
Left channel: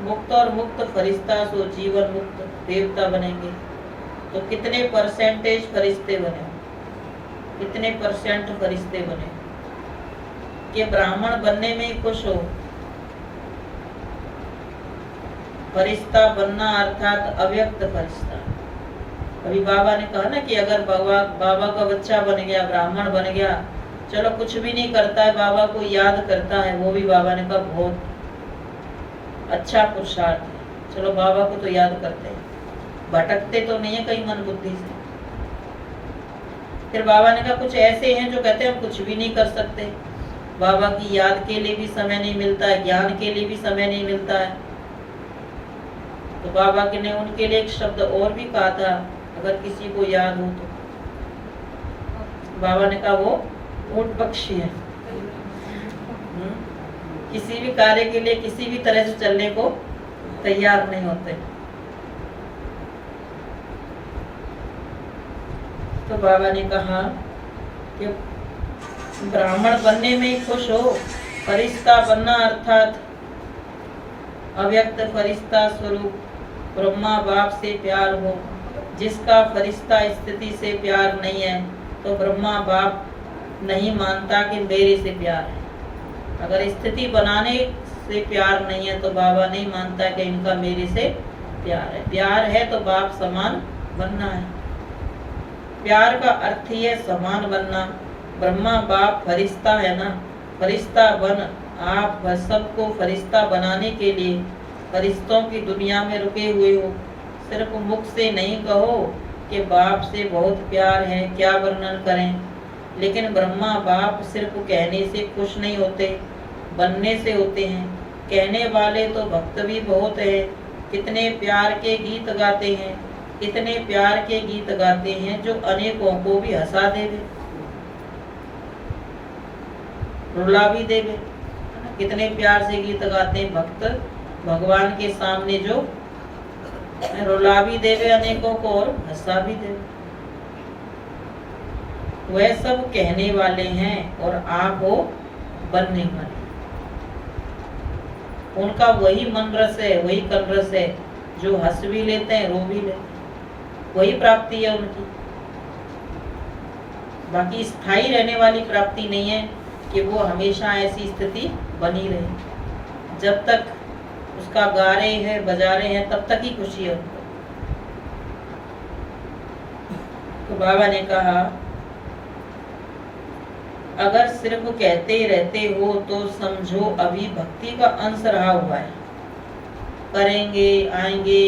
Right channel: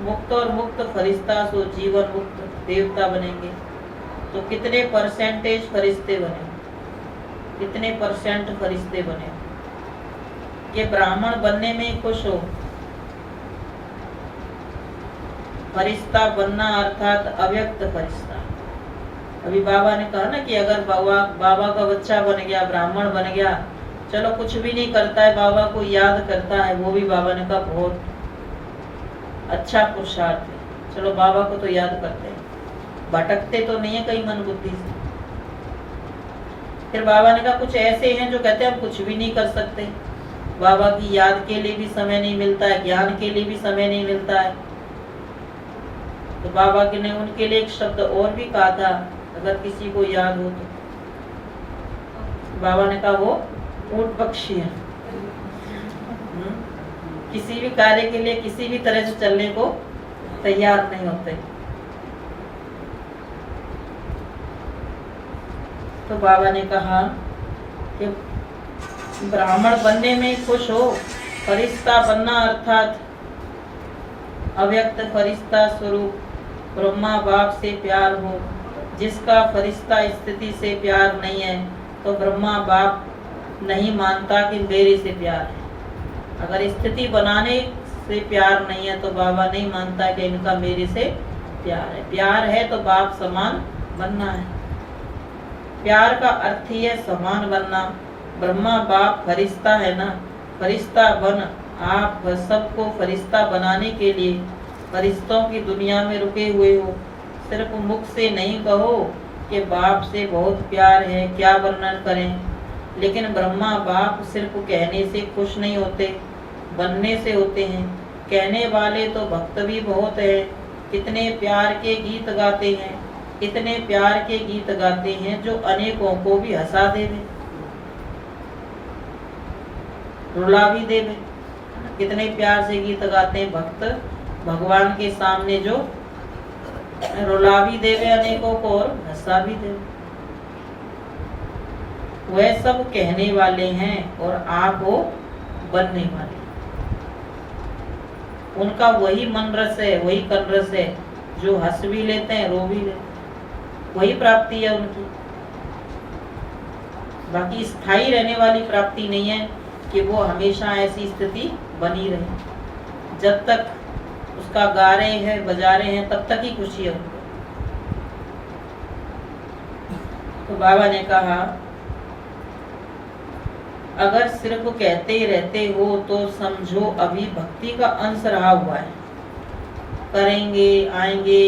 मुक्त और मुक्त फरिश्ता सो जीवन मुक्त देवता बनेंगे। तो कितने परसेंटेज फरिश्ते बने, कितने परसेंट फरिश्ते बने कि ब्राह्मण बनने में ही खुश हो। फरिश्ता बनना अर्थात अव्यक्त फरिश्ता। अभी बाबा ने कहा ना कि अगर बाबा का बच्चा बन गया, ब्राह्मण बन गया, चलो कुछ भी नहीं करता है, बाबा को याद करता है, वो भी बाबा ने कहा बहुत अच्छा पुरुषार्थ है। चलो बाबा को तो याद करते हैं, भटकते तो नहीं है कहीं मन बुद्धि से। फिर बाबा ने कहा कुछ ऐसे हैं जो कहते हैं हम कुछ भी नहीं कर सकते, बाबा की याद के लिए भी समय नहीं मिलता है, ज्ञान के लिए भी समय नहीं मिलता है। तो बाबा के ने उनके लिए एक शब्द और भी कहा था, अगर किसी को याद हो तो। बाबा ने कहा वो ऊंट पक्षी है, किसी भी कार्य के लिए किसी भी तरह से चलने को तैयार नहीं होते। तो बाबा ने कहा कि ब्राह्मण बनने में खुश हो, फरिश्ता बनना अर्थात अव्यक्त फरिश्ता स्वरूप ब्रह्मा बाप से प्यार हो। जिसका फरिश्ता स्थिति से प्यार नहीं है तो ब्रह्मा बाप नहीं मानता कि मेरे से प्यार है। अगर स्थिति बनाने से प्यार नहीं है तो बाबा नहीं मानता कि इनका मेरे से प्यार है। प्यार है तो बाप समान बनना है। प्यार का अर्थ ही है समान बनना। ब्रह्मा बाप फरिश्ता है ना, फरिश्ता बन। आप सबको फरिश्ता बनाने के लिए फरिश्तों की दुनिया में रुके हुए हो। सिर्फ मुख से नहीं कहो कि बाप से बहुत प्यार है, क्या वर्णन करें। लेकिन ब्रह्मा बाप सिर्फ कहने से खुश नहीं होते, बनने से होते हैं। कहने वाले तो भक्त भी बहुत है, कितने प्यार के गीत गाते हैं, इतने प्यार के गीत गाते हैं जो अनेकों को भी हंसा देवे, रुला भी देवे। कितने प्यार से गीत गाते हैं भक्त भगवान के सामने, जो रुला भी देवे अनेकों को और हंसा भी देवे। वह सब कहने वाले हैं और आप हो बनने वाले। उनका वही मन रस है, वही कल रस है, जो हंस भी लेते हैं, रो भी लेते हैं। वही प्राप्ति है उनकी। बाकी स्थायी रहने वाली प्राप्ति नहीं है कि वो हमेशा ऐसी स्थिति बनी रहे। जब तक उसका गा रहे हैं, बजा रहे हैं, तब तक ही खुशी है उनको। तो बाबा ने कहा अगर सिर्फ कहते रहते हो तो समझो अभी भक्ति का अंश रहा हुआ है। करेंगे, आएंगे,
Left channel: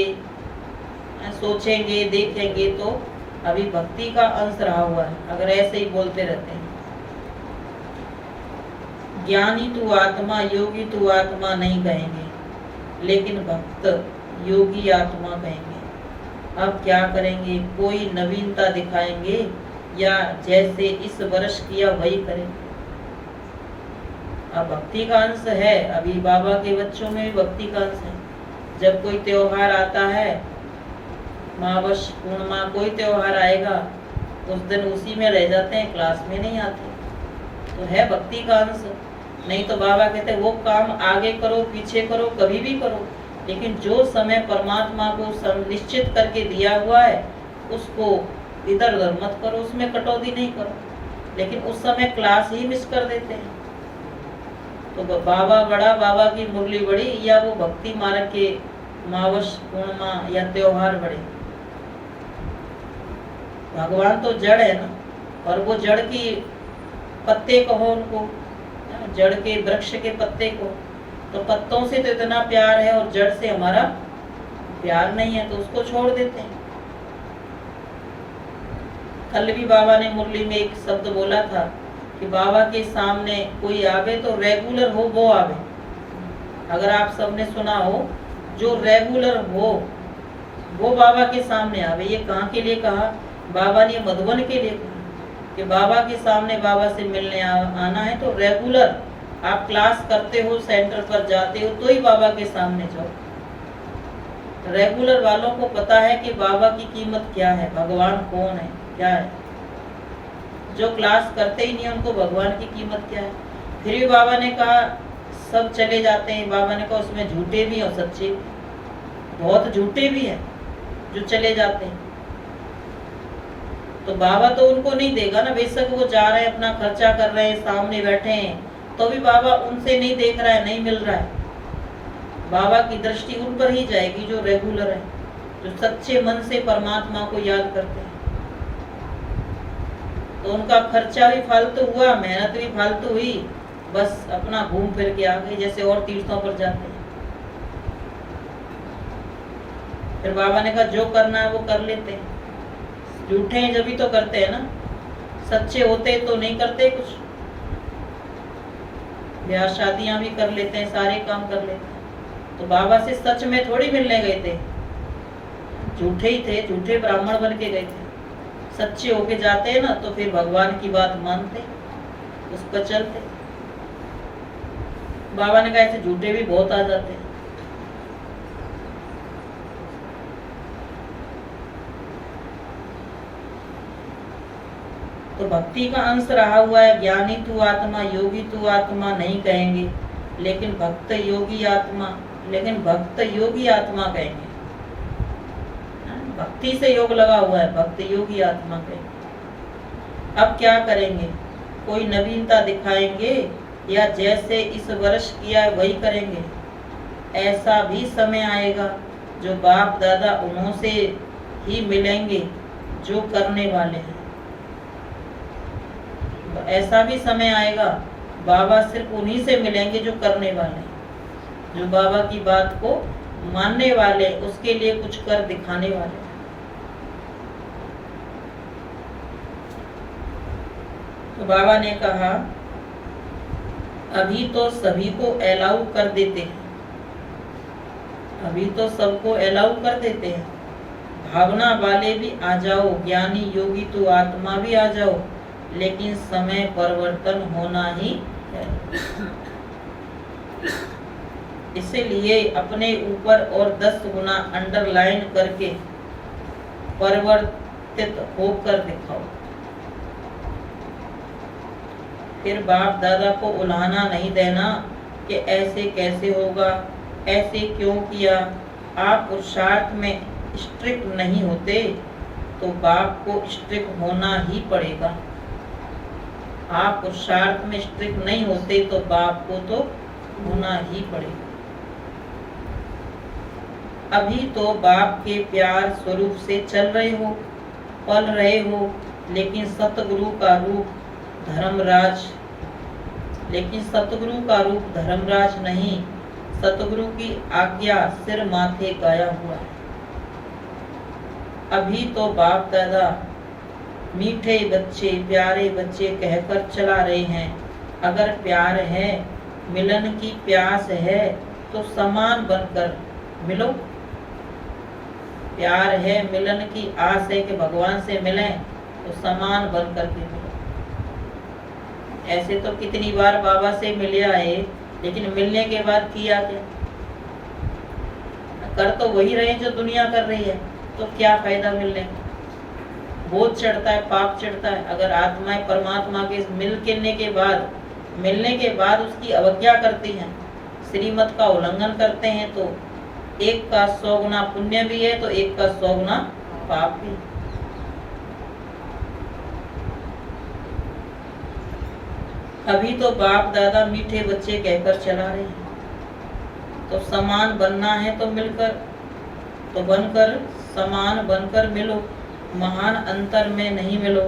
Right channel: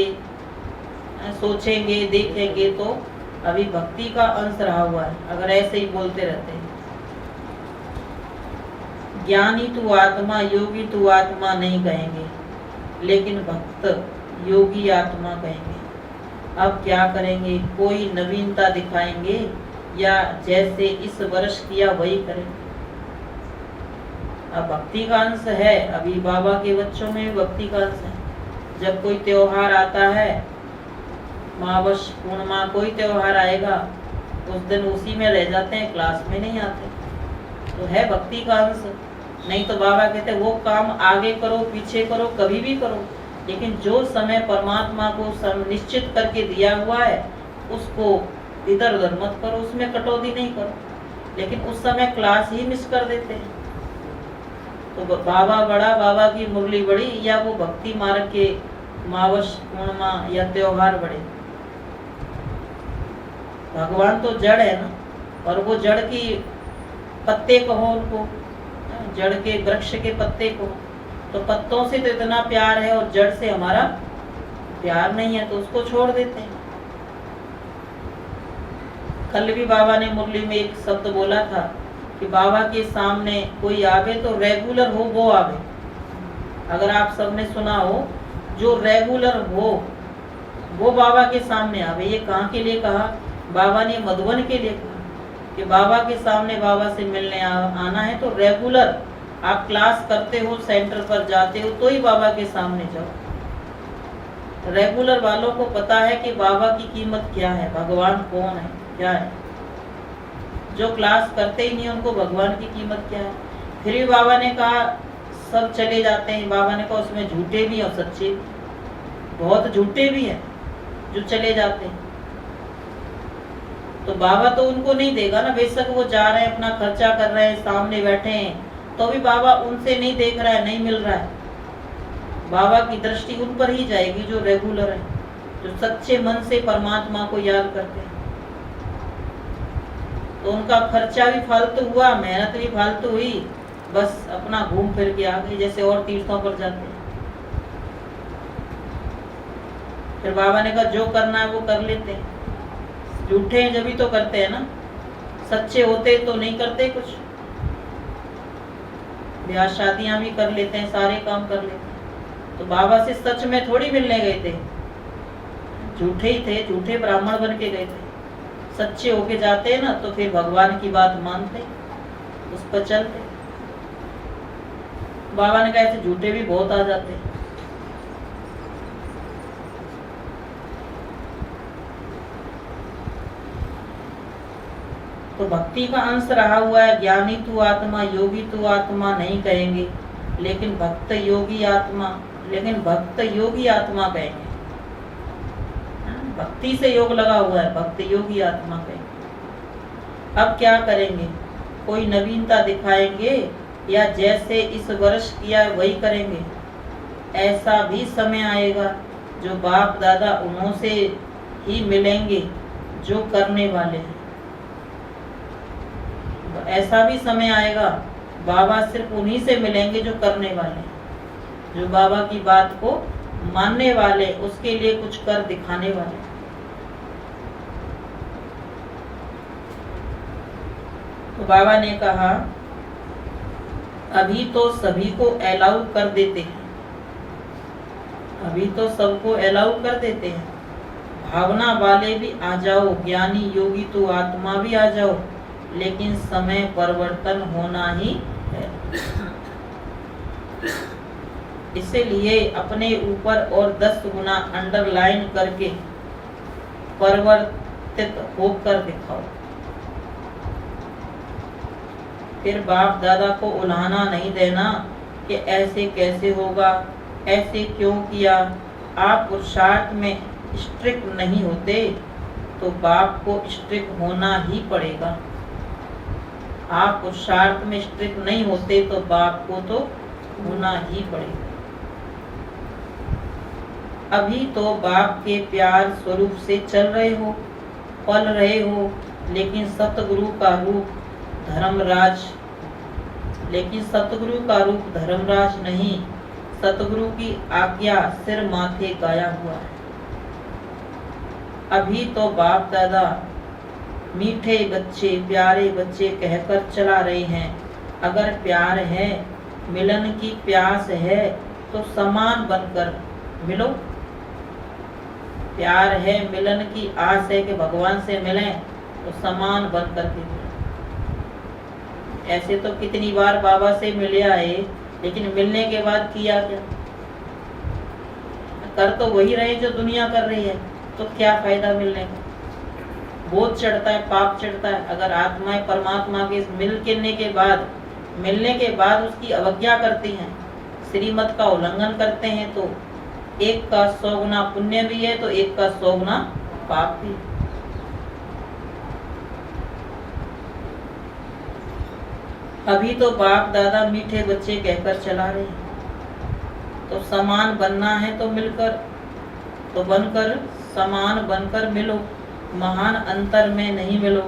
सोचेंगे, देखेंगे तो अभी भक्ति का अंश रहा हुआ है। अगर ऐसे ही बोलते रहते हैं, ज्ञानी तू आत्मा, योगी तू आत्मा नहीं कहेंगे, लेकिन भक्त योगी आत्मा कहेंगे। अब क्या करेंगे? कोई नवीनता दिखाएंगे या जैसे इस वर्ष किया वही करेंगे? अब भक्ति का अंश है, अभी बाबा के बच्चों में भक्ति का अंश है। जब कोई त्योहार आता है, मावश पूर्णिमा कोई त्योहार आएगा, उस दिन उसी में रह जाते हैं, क्लास में नहीं आते। तो है भक्ति का अंश। नहीं तो बाबा कहते वो काम आगे करो, पीछे करो, कभी भी करो, लेकिन जो समय परमात्मा को निश्चित करके दिया हुआ है उसको इधर उधर मत करो, उसमें कटौती नहीं करो। लेकिन उस समय क्लास ही मिस कर देते हैं। तो बाबा बड़ा, बाबा की मुरली बड़ी, या वो भक्ति मार्ग के मावश पूर्णिमा या त्योहार बड़े। भगवान तो जड़ है ना, और वो जड़ की पत्ते कहो उनको, जड़ के वृक्ष के पत्ते को, तो पत्तों से तो इतना प्यार है और जड़ से हमारा प्यार नहीं है, तो उसको छोड़ देते हैं। कल भी बाबा ने मुरली में एक शब्द बोला था कि बाबा के सामने कोई आवे तो रेगुलर हो वो आवे। अगर आप सबने सुना हो, जो रेगुलर हो वो बाबा के सामने आवे। ये कहाँ के लिए कहा? बाबा ने मधुबन के लिए कहा कि बाबा के सामने बाबा से मिलने आना है तो रेगुलर आप क्लास करते हो, सेंटर पर जाते हो, तो ही बाबा के सामने जाओ। रेगुलर वालों को पता है कि बाबा की कीमत क्या है, भगवान कौन है, क्या है। जो क्लास करते ही नहीं उनको भगवान की कीमत क्या है। फिर भी बाबा ने कहा सब चले जाते हैं। बाबा ने कहा उसमें झूठे भी और सच्चे, बहुत झूठे भी हैं जो चले जाते हैं। तो बाबा तो उनको नहीं देगा ना, बेशक वो जा रहे हैं, अपना खर्चा कर रहे हैं, सामने बैठे हैं, तो भी बाबा उनसे नहीं देख रहा है, नहीं मिल रहा है। बाबा की दृष्टि उन पर ही जाएगी जो रेगुलर है, जो सच्चे मन से परमात्मा को याद करते हैं। तो उनका खर्चा भी फालतू हुआ, मेहनत भी फालतू हुई, बस अपना घूम फिर के आ गए, जैसे और तीर्थों पर जाते हैं। फिर बाबा ने कहा जो करना है वो कर लेते हैं। झूठे हैं जब भी तो करते हैं ना, सच्चे होते तो नहीं करते कुछ, ब्याह शादियां भी कर लेते हैं, सारे काम कर लेते हैं। तो बाबा से सच में थोड़ी मिलने गए थे, झूठे ही थे, झूठे ब्राह्मण बन के गए थे। सच्चे होके जाते हैं ना तो फिर भगवान की बात मानते, उस पर चलते। बाबा ने कहा ऐसे झूठे भी बहुत आ जाते हैं। तो भक्ति का अंश रहा हुआ है। ज्ञानी तू आत्मा, योगी तू आत्मा नहीं कहेंगे, लेकिन भक्त योगी आत्मा, लेकिन भक्त योगी आत्मा कहेंगे। भक्ति से योग लगा हुआ है, भक्त योगी आत्मा कहेंगे। अब क्या करेंगे? कोई नवीनता दिखाएंगे या जैसे इस वर्ष किया वही करेंगे? ऐसा भी समय आएगा जो बाप दादा उन्हों से ही मिलेंगे जो करने वाले हैं। ऐसा भी समय आएगा बाबा सिर्फ उन्हीं से मिलेंगे जो करने वाले, जो बाबा की बात को मानने वाले, उसके लिए कुछ कर दिखाने वाले। तो बाबा ने कहा अभी तो सभी को अलाउ कर देते हैं, अभी तो सबको अलाउ कर देते हैं। भावना वाले भी आ जाओ, ज्ञानी योगी तो आत्मा भी आ जाओ, लेकिन समय परिवर्तन होना ही है। इसीलिए अपने ऊपर और 10 गुना अंडरलाइन करके परिवर्तित होकर दिखाओ। फिर बाप दादा को उलाहना नहीं देना कि ऐसे कैसे होगा, ऐसे क्यों किया। आप पुरुषार्थ में स्ट्रिक्ट नहीं होते तो बाप को स्ट्रिक्ट होना ही पड़ेगा। आप पुरुषार्थ में स्ट्रिक्ट नहीं होते तो बाप को तो होना ही पड़ेगा। अभी तो बाप के प्यार स्वरूप से चल रहे हो, पल रहे हो, लेकिन सतगुरु का रूप धर्मराज, लेकिन सतगुरु का रूप धर्मराज नहीं, सतगुरु की आज्ञा सिर माथे गाया हुआ है। अभी तो बाप दादा मीठे बच्चे, प्यारे बच्चे कहकर चला रहे हैं। अगर प्यार है, मिलन की प्यास है तो समान बनकर मिलो। प्यार है, मिलन की आस है कि भगवान से मिलें, तो समान बनकर के मिलो। ऐसे तो कितनी बार बाबा से मिले आए, लेकिन मिलने के बाद किया क्या? कर तो वही रहे जो दुनिया कर रही है, तो क्या फायदा मिलने का? बोझ चढ़ता है, पाप चढ़ता है। अगर आत्माएं परमात्मा के मिलने के बाद उसकी अवज्ञा करती हैं, श्रीमत का उल्लंघन करते हैं, तो एक का 100 गुना पुण्य भी है तो एक का 100 गुना पाप भी। अभी तो बाप दादा मीठे बच्चे कहकर चला रहे हैं, तो समान बनना है तो मिलकर, तो बनकर, समान बनकर मिलो। महान अंतर में नहीं मिलो,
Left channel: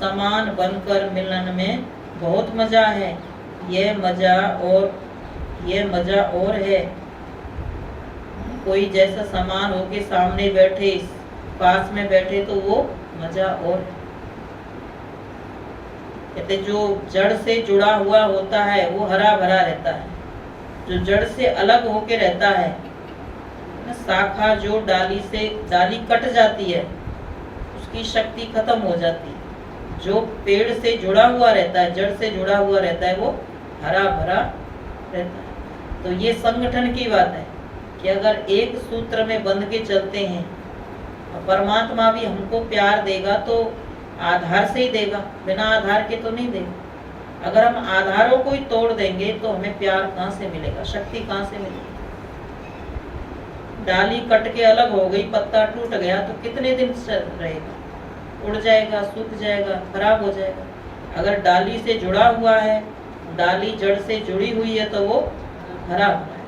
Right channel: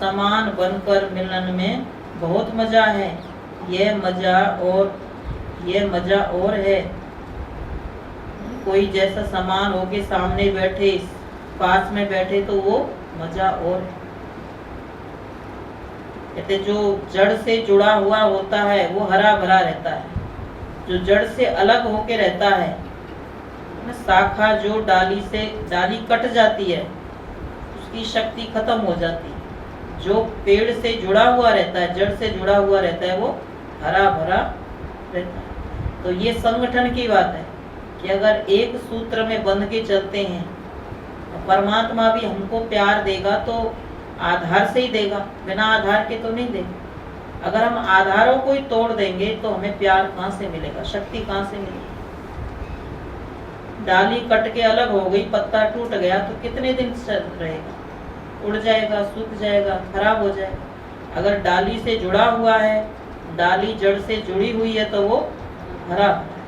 समान बनकर मिलन में बहुत मजा है। ये मजा और है। कोई जैसा समान होके सामने बैठे, पास में बैठे, तो वो मजा और है। कहते जो जड़ से जुड़ा हुआ होता है वो हरा भरा रहता है। जो जड़ से अलग होके रहता है, शाखा जो डाली कट जाती है, उसकी शक्ति खत्म हो जाती है। जो पेड़ से जुड़ा हुआ रहता है, जड़ से जुड़ा हुआ रहता है, वो हरा भरा रहता है। तो ये संगठन की बात है कि अगर एक सूत्र में बंध के चलते हैं, परमात्मा भी हमको प्यार देगा तो आधार से ही देगा, बिना आधार के तो नहीं देगा। अगर हम आधारों को ही तोड़ देंगे तो हमें प्यार कहाँ से मिलेगा, शक्ति कहाँ से मिलेगी? डाली कट के अलग हो गई, पत्ता टूट गया तो कितने दिन रहेगा? उड़ जाएगा, सूख जाएगा, खराब हो जाएगा। अगर डाली से जुड़ा हुआ है, डाली जड़ से जुड़ी हुई है, तो वो हरा हुआ है।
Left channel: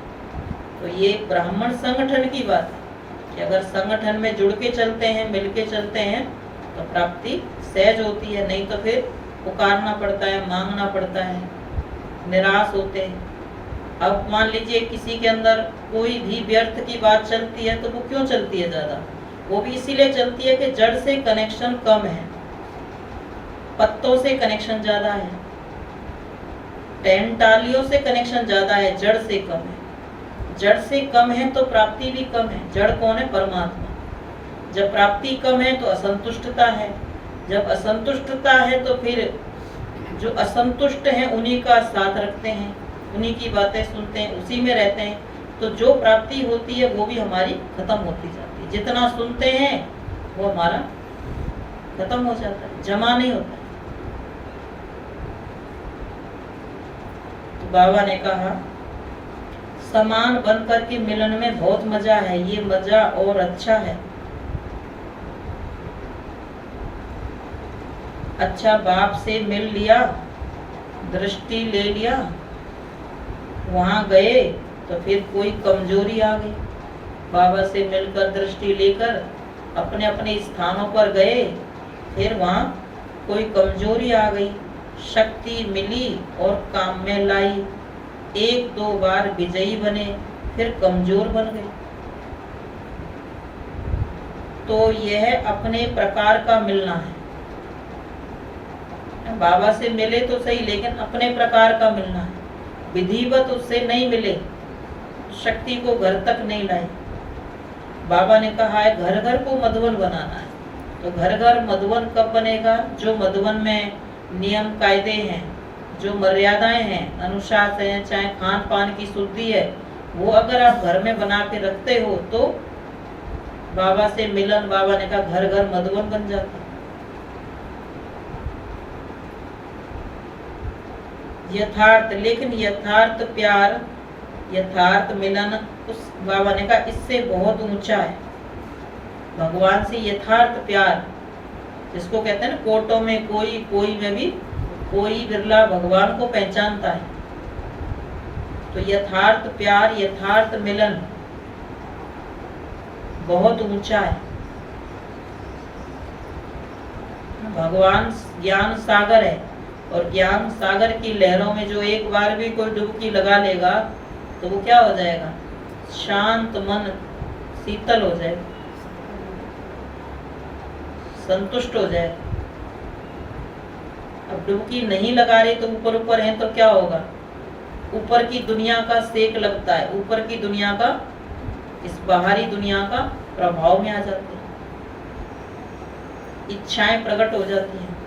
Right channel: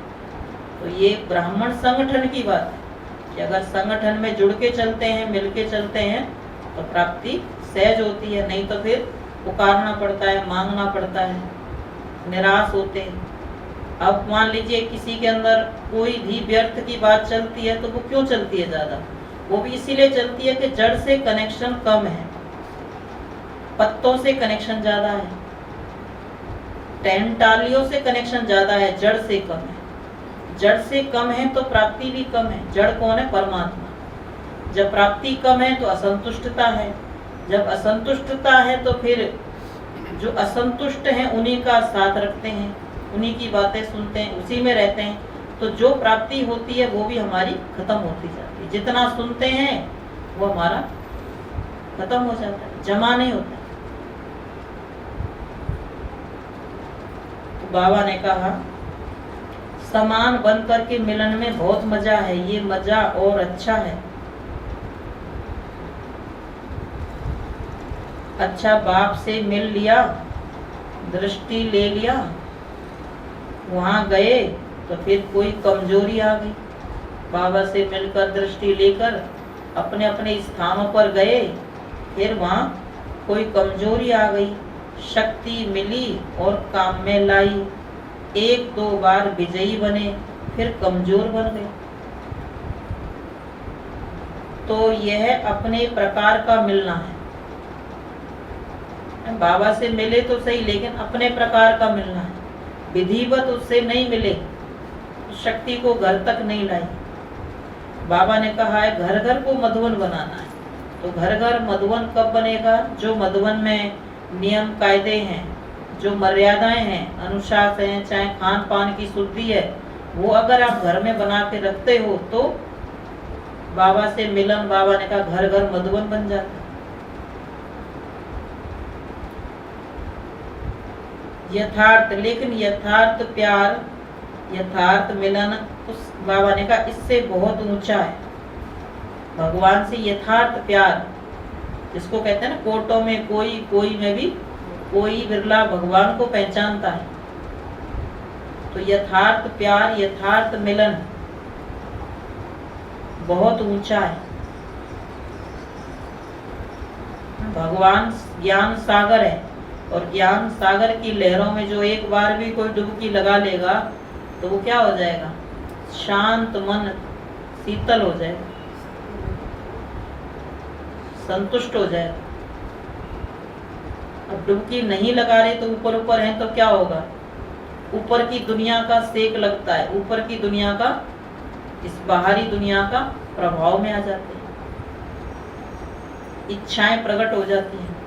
तो ये ब्राह्मण संगठन की बात है कि अगर संगठन में जुड़ के चलते हैं, मिल के चलते हैं, तो प्राप्ति सहज होती है। नहीं तो फिर पुकारना पड़ता है, मांगना पड़ता है, निराश होते हैं। अब मान लीजिए किसी के अंदर कोई भी व्यर्थ की बात चलती है, तो वो क्यों चलती है ज्यादा? वो भी इसीलिए चलती है कि जड़ से कनेक्शन कम है, पत्तों से कनेक्शन ज्यादा है, टहनियों से कनेक्शन ज्यादा है, जड़ से कम है। जड़ से कम है तो प्राप्ति भी कम है। जड़ कौन है? परमात्मा। जब प्राप्ति कम है तो असंतुष्टता है। जब असंतुष्टता है तो फिर जो असंतुष्ट हैं उन्हीं का साथ रखते हैं, उन्हीं की बातें सुनते हैं, उसी में रहते हैं। तो जो प्राप्ति होती है वो भी हमारी खत्म होती जाती है। जितना सुनते हैं वो हमारा खत्म हो जाता है, जमा नहीं होता। तो बाबा ने कहा समान बन करके मिलन में बहुत मजा है, ये मजा और अच्छा है। अच्छा बाप से मिल लिया, दृष्टि ले लिया, वहां गए तो फिर कोई कमजोरी आ गई। बाबा से मिलकर दृष्टि लेकर अपने अपने स्थानों पर गए, फिर वहां कोई कमजोरी आ गई, शक्ति मिली और काम में लाई। एक दो बार विजयी बने, फिर कमजोर बन गए। तो यह अपने प्रकार का मिलना है। बाबा से मिले तो सही, लेकिन अपने प्रकार का मिलना है। विधिवत उससे नहीं मिले, शक्ति को घर तक नहीं लाई। बाबा ने कहा है घर घर को मधुवन बनाना है। तो घर घर मधुवन कब बनेगा? जो मधुवन में नियम कायदे हैं, जो मर्यादाएं हैं, अनुशासन है, चाहे खान पान की शुद्धि है, वो अगर आप घर में बना के रखते हो तो बाबा से मिलन, बाबा ने कहा घर घर मधुवन बन जाता है। यथार्थ, लेकिन यथार्थ प्यार, यथार्थ मिलन उस बाबा ने कहा इससे बहुत ऊंचा है। भगवान से यथार्थ प्यार, जिसको कहते हैं ना कोटों में कोई, कोई में भी कोई, बिरला भगवान को पहचानता है। तो यथार्थ प्यार, यथार्थ मिलन बहुत ऊंचा है। भगवान ज्ञान सागर है, और ज्ञान सागर की लहरों में जो एक बार भी कोई डुबकी लगा लेगा तो वो क्या हो जाएगा? शांत मन, शीतल हो जाएगा, संतुष्ट हो जाएगा। अब डुबकी नहीं लगा रहे तो ऊपर ऊपर है तो क्या होगा? ऊपर की दुनिया का सेक लगता है, ऊपर की दुनिया का, इस बाहरी दुनिया का प्रभाव में आ जाते हैं, इच्छाएं प्रकट हो जाती हैं।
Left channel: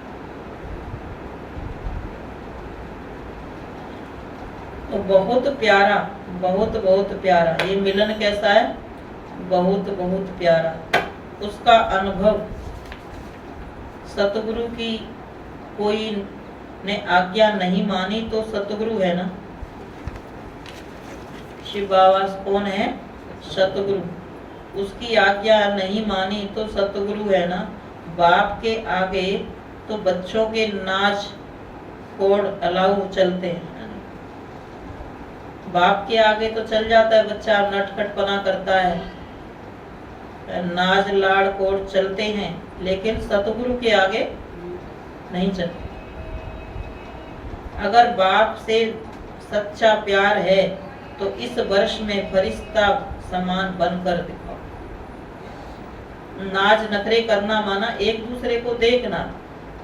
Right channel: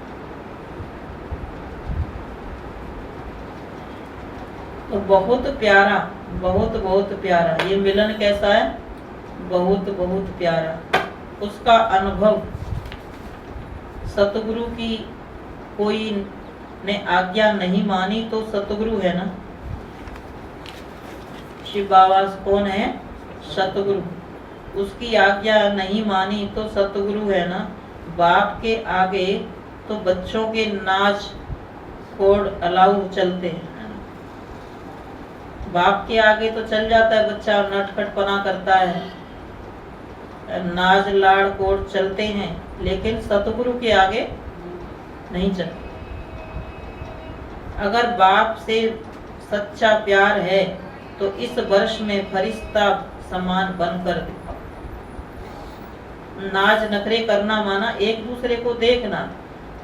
तो बहुत प्यारा, बहुत बहुत प्यारा ये मिलन कैसा है? बहुत बहुत प्यारा। उसका अनुभव सतगुरु की कोई ने आज्ञा नहीं मानी तो सतगुरु है ना। शिव बाबा कौन है? सतगुरु। उसकी आज्ञा नहीं मानी तो सतगुरु है ना। बाप के आगे तो बच्चों के नाच कोड अलाउ चलते हैं। बाप के आगे तो चल जाता है बच्चा, नटखटपना करता है, नाच लाड़ कोड चलते हैं, लेकिन सतगुरु के आगे नहीं चलते। अगर बाप से सच्चा प्यार है तो इस वर्ष में फरिश्ता समान बनकर दिखाओ। नाच नखरे करना माना एक दूसरे को देखना,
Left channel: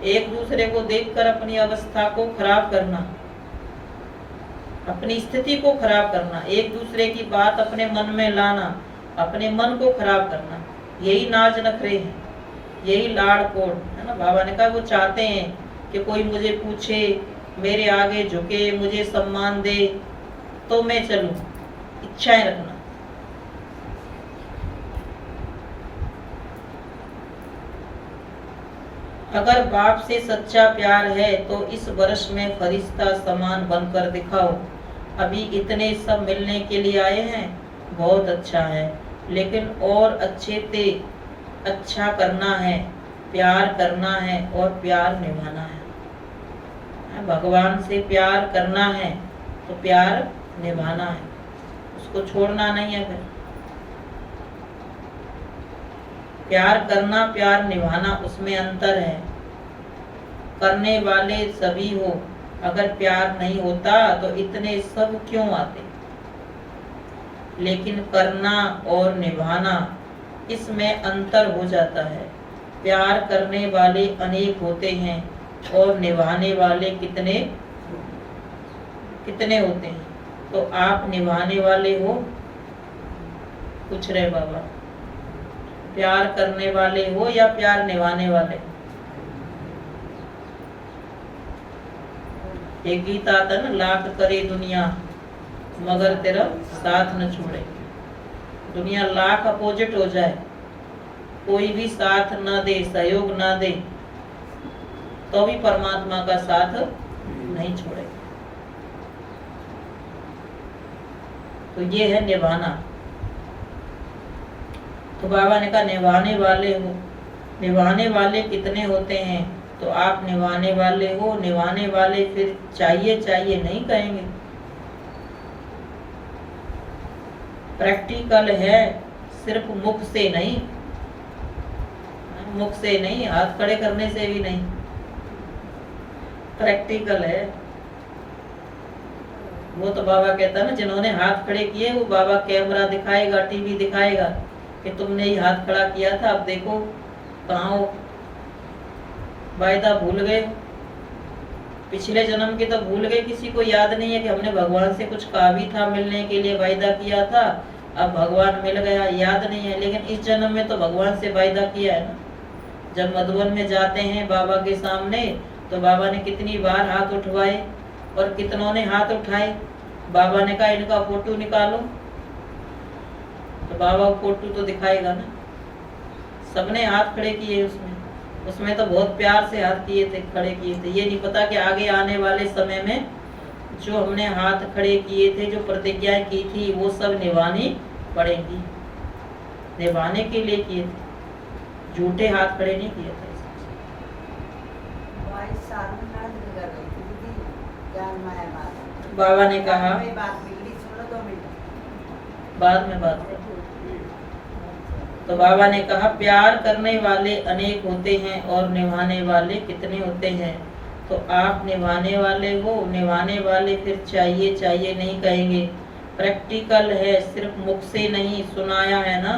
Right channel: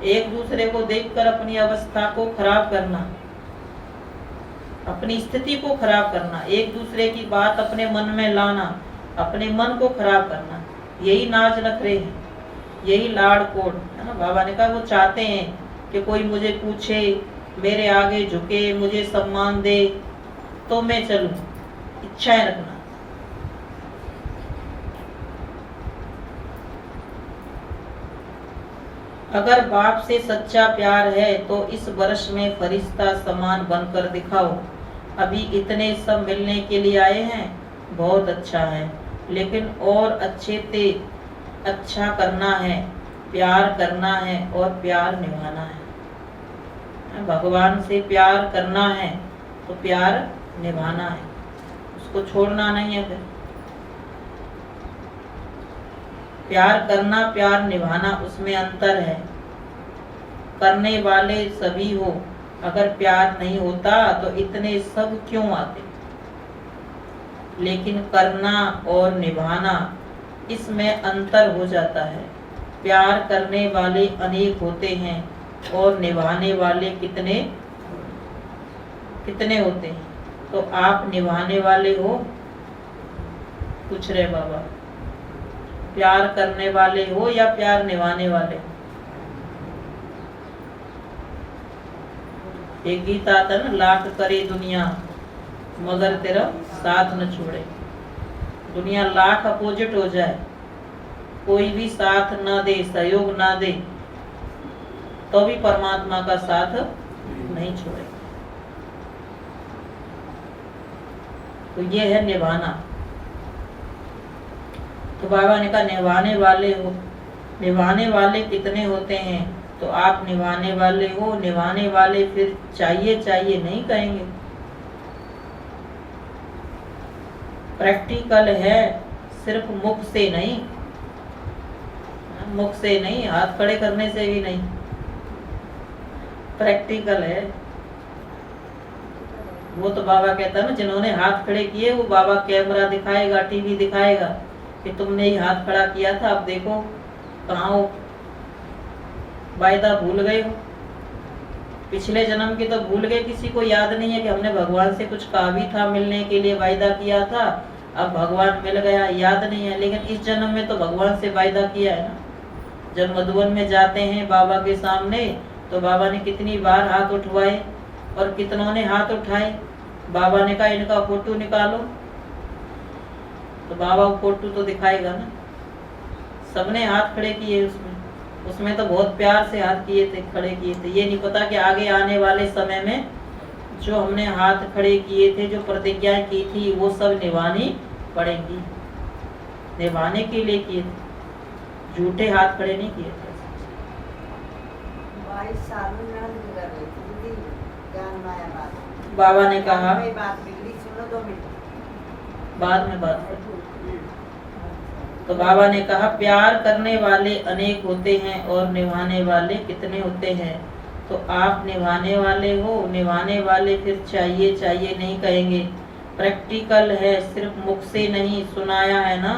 एक दूसरे को देखकर अपनी अवस्था को खराब करना, अपनी स्थिति को खराब करना, एक दूसरे की बात अपने मन में लाना, अपने मन को खराब करना, यही नाच नखरे हैं, यही लाड़ कोड है ना। बाबा ने कहा वो चाहते हैं कि कोई मुझे पूछे, मेरे आगे झुके, मुझे सम्मान दे तो मैं चलूं, इच्छाएं रखना। अगर बाप से सच्चा प्यार है तो इस वर्ष में फरिश्ता समान बनकर दिखाओ। अभी इतने सब मिलने के लिए आए हैं, बहुत अच्छा है, लेकिन और अच्छे से अच्छा करना है, प्यार करना है और प्यार निभाना है। भगवान से प्यार करना है तो प्यार निभाना है, उसको छोड़ना नहीं है। फिर प्यार करना, प्यार निभाना, उसमें अंतर है। करने वाले सभी हो, अगर प्यार नहीं होता तो इतने सब क्यों आते? लेकिन करना और निभाना, इसमें अंतर हो जाता है। प्यार करने वाले अनेक होते हैं, और निभाने वाले कितने कितने होते हैं? तो आप निभाने वाले हो, पूछ रहे बाबा। प्यार करने वाले हो या प्यार निभाने वाले? एक गीत आता है ना, लाख करे दुनिया मगर तेरा साथ न छोड़े। दुनिया लाख अपोजिट हो जाए, कोई भी साथ ना दे, सहयोग ना दे, तो भी परमात्मा का साथ नहीं छोड़े। तो ये है निभाना। तो बाबा ने कहा निभाने वाले हो, निभाने वाले कितने होते हैं? तो आप निभाने वाले हो। निभाने वाले फिर चाहिए चाहिए नहीं कहेंगे। प्रैक्टिकल है, सिर्फ मुख से नहीं, मुख से नहीं, हाथ खड़े करने से भी नहीं, प्रैक्टिकल है। वो तो बाबा कहता है ना, जिन्होंने हाथ खड़े किए वो बाबा कैमरा दिखाएगा, टीवी दिखाएगा कि तुमने ये हाथ खड़ा किया था, अब देखो कहाँ हो, वायदा भूल गए हो। पिछले जन्म के तो भूल गए, किसी को याद नहीं है कि हमने भगवान से कुछ कहा भी था, मिलने के लिए वायदा किया था, अब भगवान मिल गया, याद नहीं है। लेकिन इस जन्म में तो भगवान से वायदा किया है ना। जब मधुबन में जाते हैं बाबा के सामने, तो बाबा ने कितनी बार हाथ उठवाए और कितनों ने हाथ उठाए। बाबा ने कहा इनका फोटो निकालो, तो बाबा को फोटो तो दिखाएगा ना। सबने हाथ खड़े किए उसमें तो बहुत प्यार से हाथ किए थे, खड़े किए थे। ये नहीं पता कि आगे आने वाले समय में जो हमने हाथ खड़े किए थे, जो प्रतिज्ञाएं की थी, वो सब निभानी पड़ेंगी। निभाने के लिए किए थे, झूठे हाथ खड़े नहीं किए थे। बाबा ने कहा बाद में बात कर। तो बाबा ने कहा प्यार करने वाले अनेक होते हैं और निभाने वाले कितने होते हैं? तो आप निभाने वाले हो। निभाने वाले फिर चाहिए चाहिए नहीं कहेंगे। प्रैक्टिकल है, सिर्फ मुख से नहीं। सुनाया है ना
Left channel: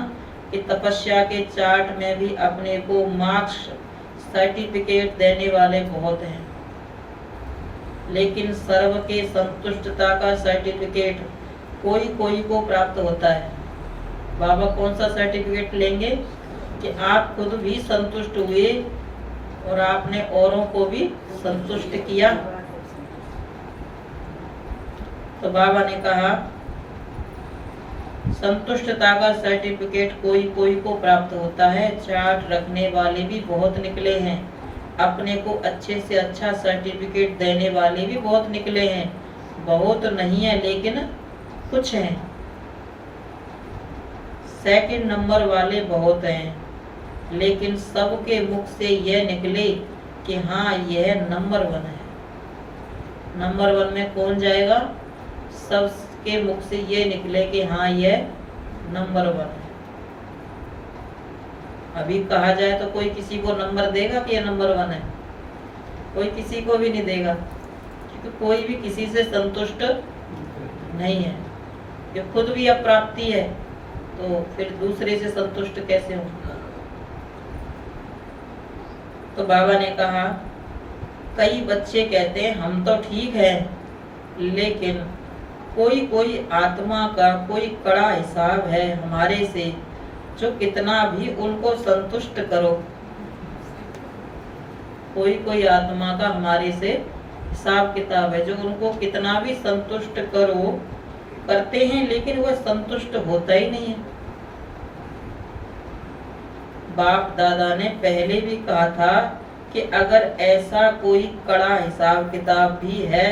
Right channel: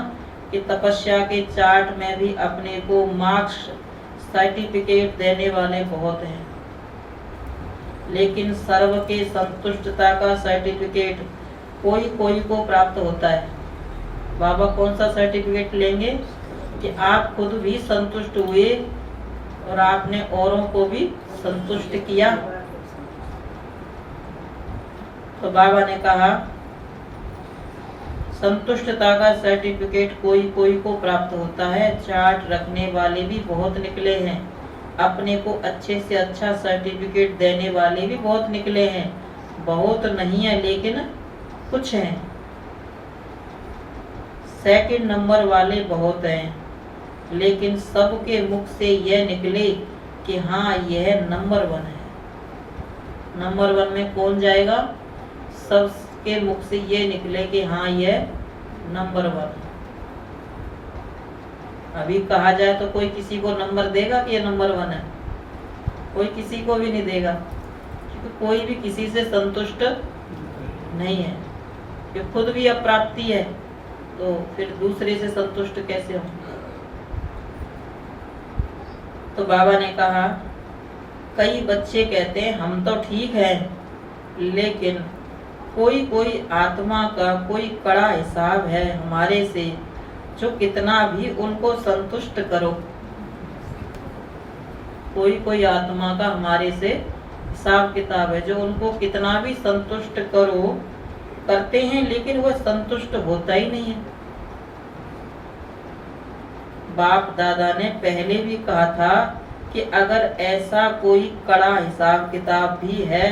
कि तपस्या के चार्ट में भी अपने को मार्क्स सर्टिफिकेट देने वाले बहुत हैं, लेकिन सर्व के संतुष्टता का सर्टिफिकेट कोई कोई को प्राप्त होता है। बाबा कौन सा सर्टिफिकेट लेंगे? कि आप खुद भी संतुष्ट हुए और आपने औरों को भी संतुष्ट किया। तो बाबा ने कहा संतुष्टता का सर्टिफिकेट कोई कोई को प्राप्त होता है। चार्ट रखने वाले भी बहुत निकले हैं, अपने को अच्छे से अच्छा सर्टिफिकेट देने वाले भी बहुत निकले हैं। बहुत नहीं है लेकिन कुछ हैं। सेकंड नंबर वाले बहुत हैं, लेकिन सबके मुख से यह निकले कि हाँ यह नंबर 1 है। नंबर 1 में कौन जाएगा? सबके मुख से यह निकले कि हाँ यह नंबर 1 है। अभी कहा जाए तो कोई किसी को नंबर देगा कि यह नंबर 1 है? कोई किसी को भी नहीं देगा, क्योंकि कोई भी किसी से संतुष्ट नहीं है। कि खुद भी अप्राप्ति है तो फिर दूसरे से संतुष्ट कैसे होंगे? तो बाबा ने कहा कई बच्चे कहते हैं हम तो ठीक हैं, लेकिन कोई कोई आत्मा का कोई कड़ा हिसाब है हमारे से, जो कितना भी उनको संतुष्ट करो। कोई कोई आत्मा का हमारे से हिसाब किताब है, जो उनको कितना भी संतुष्ट करो करते हैं, लेकिन वह संतुष्ट होता ही नहीं है। बाप दादा ने पहले भी कहा था कि अगर ऐसा कोई कड़ा हिसाब किताब भी है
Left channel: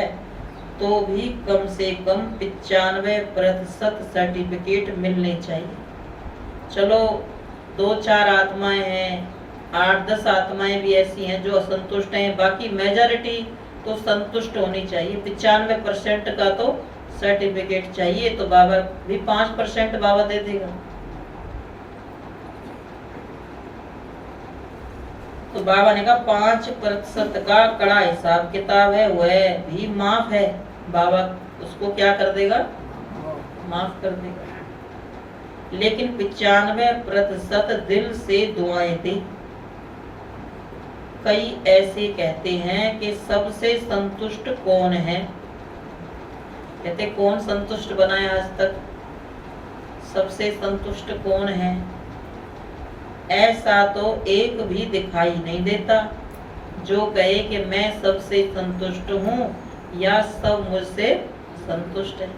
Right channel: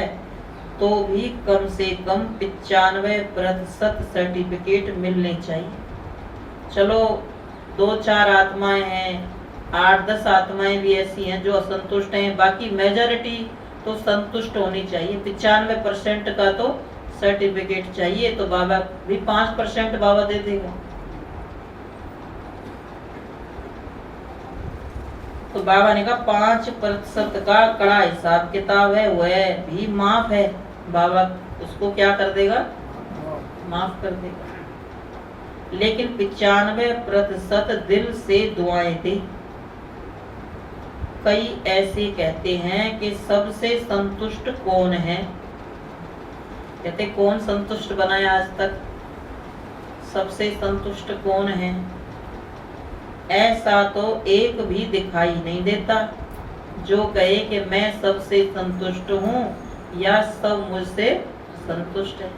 तो भी कम से कम 95% सर्टिफिकेट मिलने चाहिए। चलो 2-4 आत्माएं हैं, 8-10 आत्माएं भी ऐसी हैं जो असंतुष्ट हैं, बाकी मेजॉरिटी तो संतुष्ट होनी चाहिए। 95% का तो सर्टिफिकेट चाहिए। तो बाबा भी 5% बाबा दे देगा। तो बाबा ने कहा 5% का कड़ा हिसाब किताब है, वह भी माफ है। बाबा उसको क्या कर देगा? माफ कर देगा। लेकिन 95% दिल से दुआएं दी। कई ऐसे कहते हैं कि सबसे संतुष्ट कौन है। कहते कौन संतुष्ट बना है आज तक, सबसे संतुष्ट कौन है। ऐसा तो एक भी दिखाई नहीं देता जो कहे कि मैं सबसे संतुष्ट हूँ या सब मुझसे संतुष्ट है।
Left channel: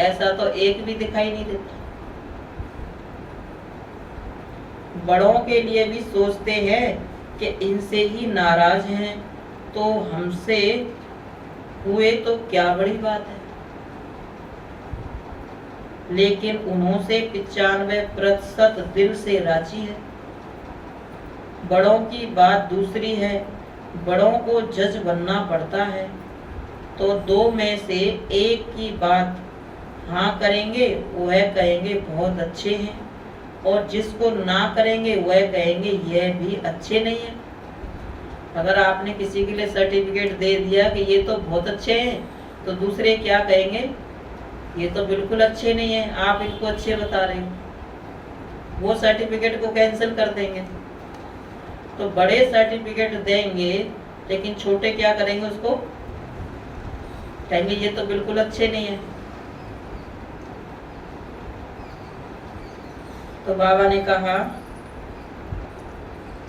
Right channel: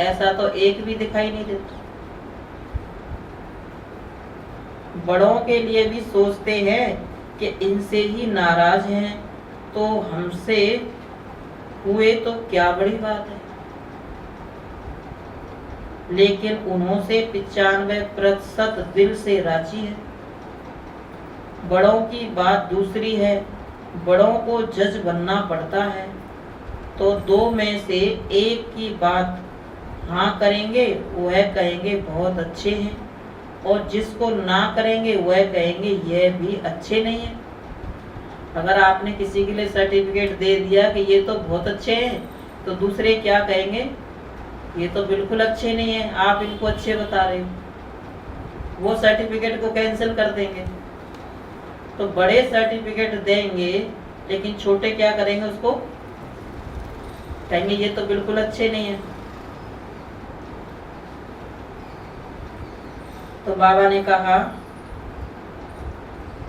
ऐसा तो एक भी दिखाई नहीं देता। बड़ों के लिए भी सोचते हैं कि इनसे ही नाराज हैं तो हमसे हुए तो क्या बड़ी बात है, लेकिन उन्हों से 95% दिल से राजी है। बड़ों की बात दूसरी है, बड़ों को जज बनना पड़ता है तो दो में से एक की बात हाँ करेंगे वह कहेंगे बहुत अच्छे हैं, और जिसको ना करेंगे वह कहेंगे यह भी अच्छे नहीं है। अगर आपने किसी के लिए सर्टिफिकेट दे दिया कि ये तो बहुत अच्छे हैं तो दूसरे क्या कहेंगे, ये तो बिल्कुल अच्छे नहीं है, आप इनको अच्छे बता रहे हो, वो सर्टिफिकेट को कैंसिल कर देंगे। तो बड़े सर्टिफिकेट देंगे लेकिन छोटे क्या करेंगे, उसको कहेंगे ये तो बिल्कुल अच्छे नहीं है। तो बाबा ने कहा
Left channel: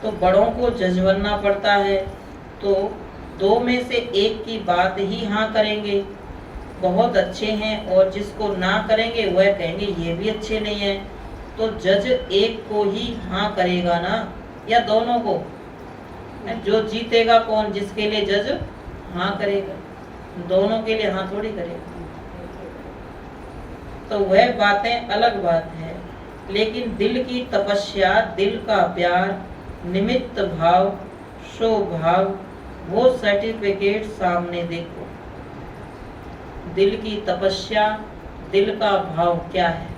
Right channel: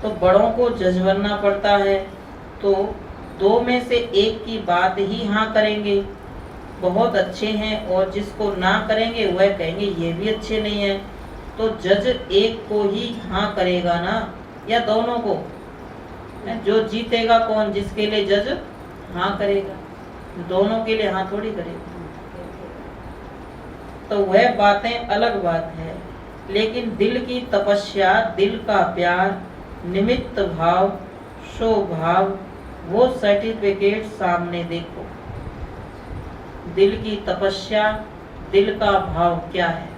तो बड़ों को जज बनना पड़ता है तो दो में से एक की बात ही हाँ करेंगे, बहुत अच्छे हैं, और जिसको ना करेंगे वह कहेंगे ये भी अच्छे नहीं है। तो जज एक को ही हाँ करेगा ना, या दोनों को? जो जीतेगा कौन, जिसके लिए जज हाँ करेगा, दोनों के लिए हाँ थोड़ी करेगा। तो वह बातें अलग बात है, लेकिन दिल की तपस्या, दिल का प्यार, निमित्त भाव, स्वभाव, वो सर्टिफिकेट सामने देखो। दिल की तपस्या, दिल का भाव क्या है,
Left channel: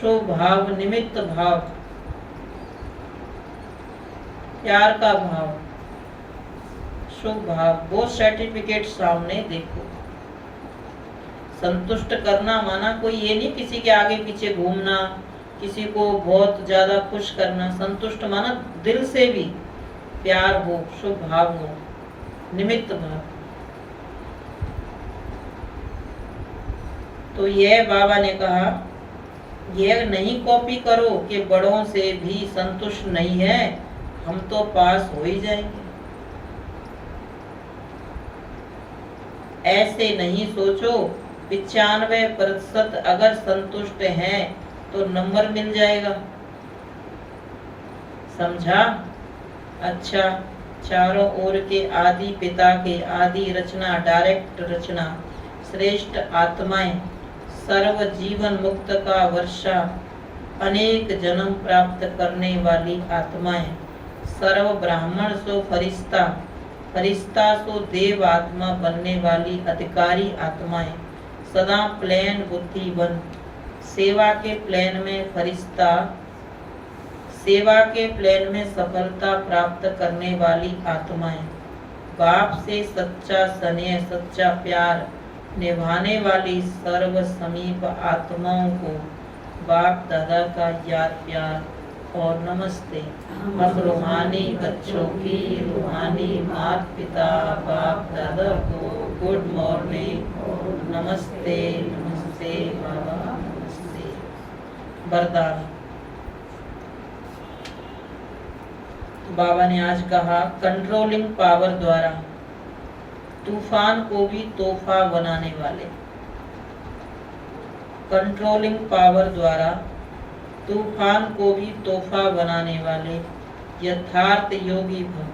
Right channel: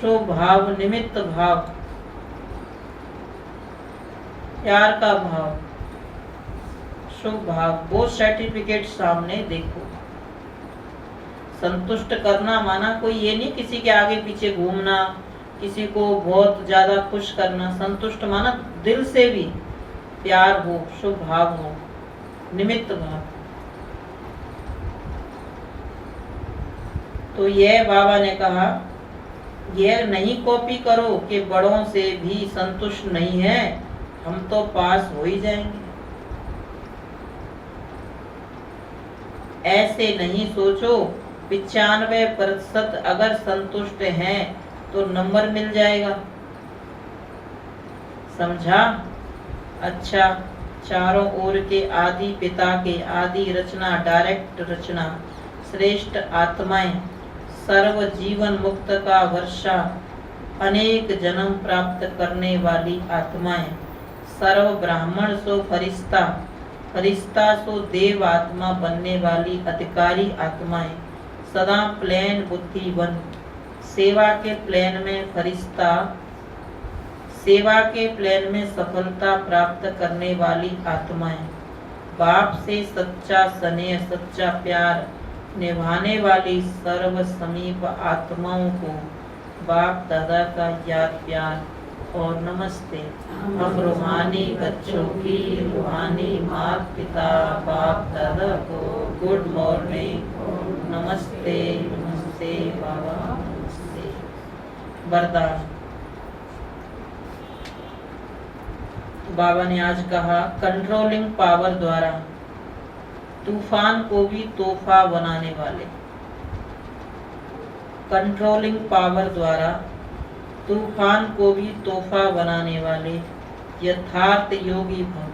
स्वभाव, निमित्त भाव, प्यार का भाव, स्वभाव, वो सर्टिफिकेट सामने देखो। संतुष्ट करना माना कोई ये नहीं किसी के आगे पीछे घूमना, किसी को बहुत ज्यादा खुश करना। संतुष्ट माना दिल से भी प्यार हो, शुभ भाव हो, निमित्त भाव। तो यह बाबा ने कहा, यह नहीं कॉपी करो कि बड़ों से भी संतुष्ट नहीं है, हम तो पास हो ही जाएंगे। ऐसे नहीं सोचो 95% अगर संतुष्ट हैं तो नंबर मिल जाएगा। समझा? अच्छा, चारों ओर के आदि पिता के आदि रचना, डायरेक्ट रचना, श्रेष्ठ आत्माएं, सर्व जीवन मुक्त का वर्षा, अनेक जन्म प्राप्त करने वाली आत्माएं, सर्व ब्राह्मण सो फरिश्ता, फरिश्ता सो देव आत्मा बनने वाली अधिकारी आत्माएं, सदा प्लेन बुद्धिवन, सेवा के प्लेन में फरिश्ता, सेवा के प्लेन में सफलता प्राप्त करने वाली आत्माएं, बाप से सच्चा स्नेह, सच्चा प्यार निभाने वाली सर्व समीप आत्माओं को बाप दादा का याद प्यार और नमस्ते। हम रूहानी बच्चों की रूहानी माता पिता बाप दादा को गुड मॉर्निंग, नमस्ते नमस्ते बाबा नमस्ते। वरदान। बाबा ने आज कहा, कंट्रोलिंग पावर द्वारा तूफान को भी तोहफा बनाने वाले। कंट्रोलिंग पावर द्वारा तूफान को भी तोहफा बनाने वाले यथार्थ योगी भव।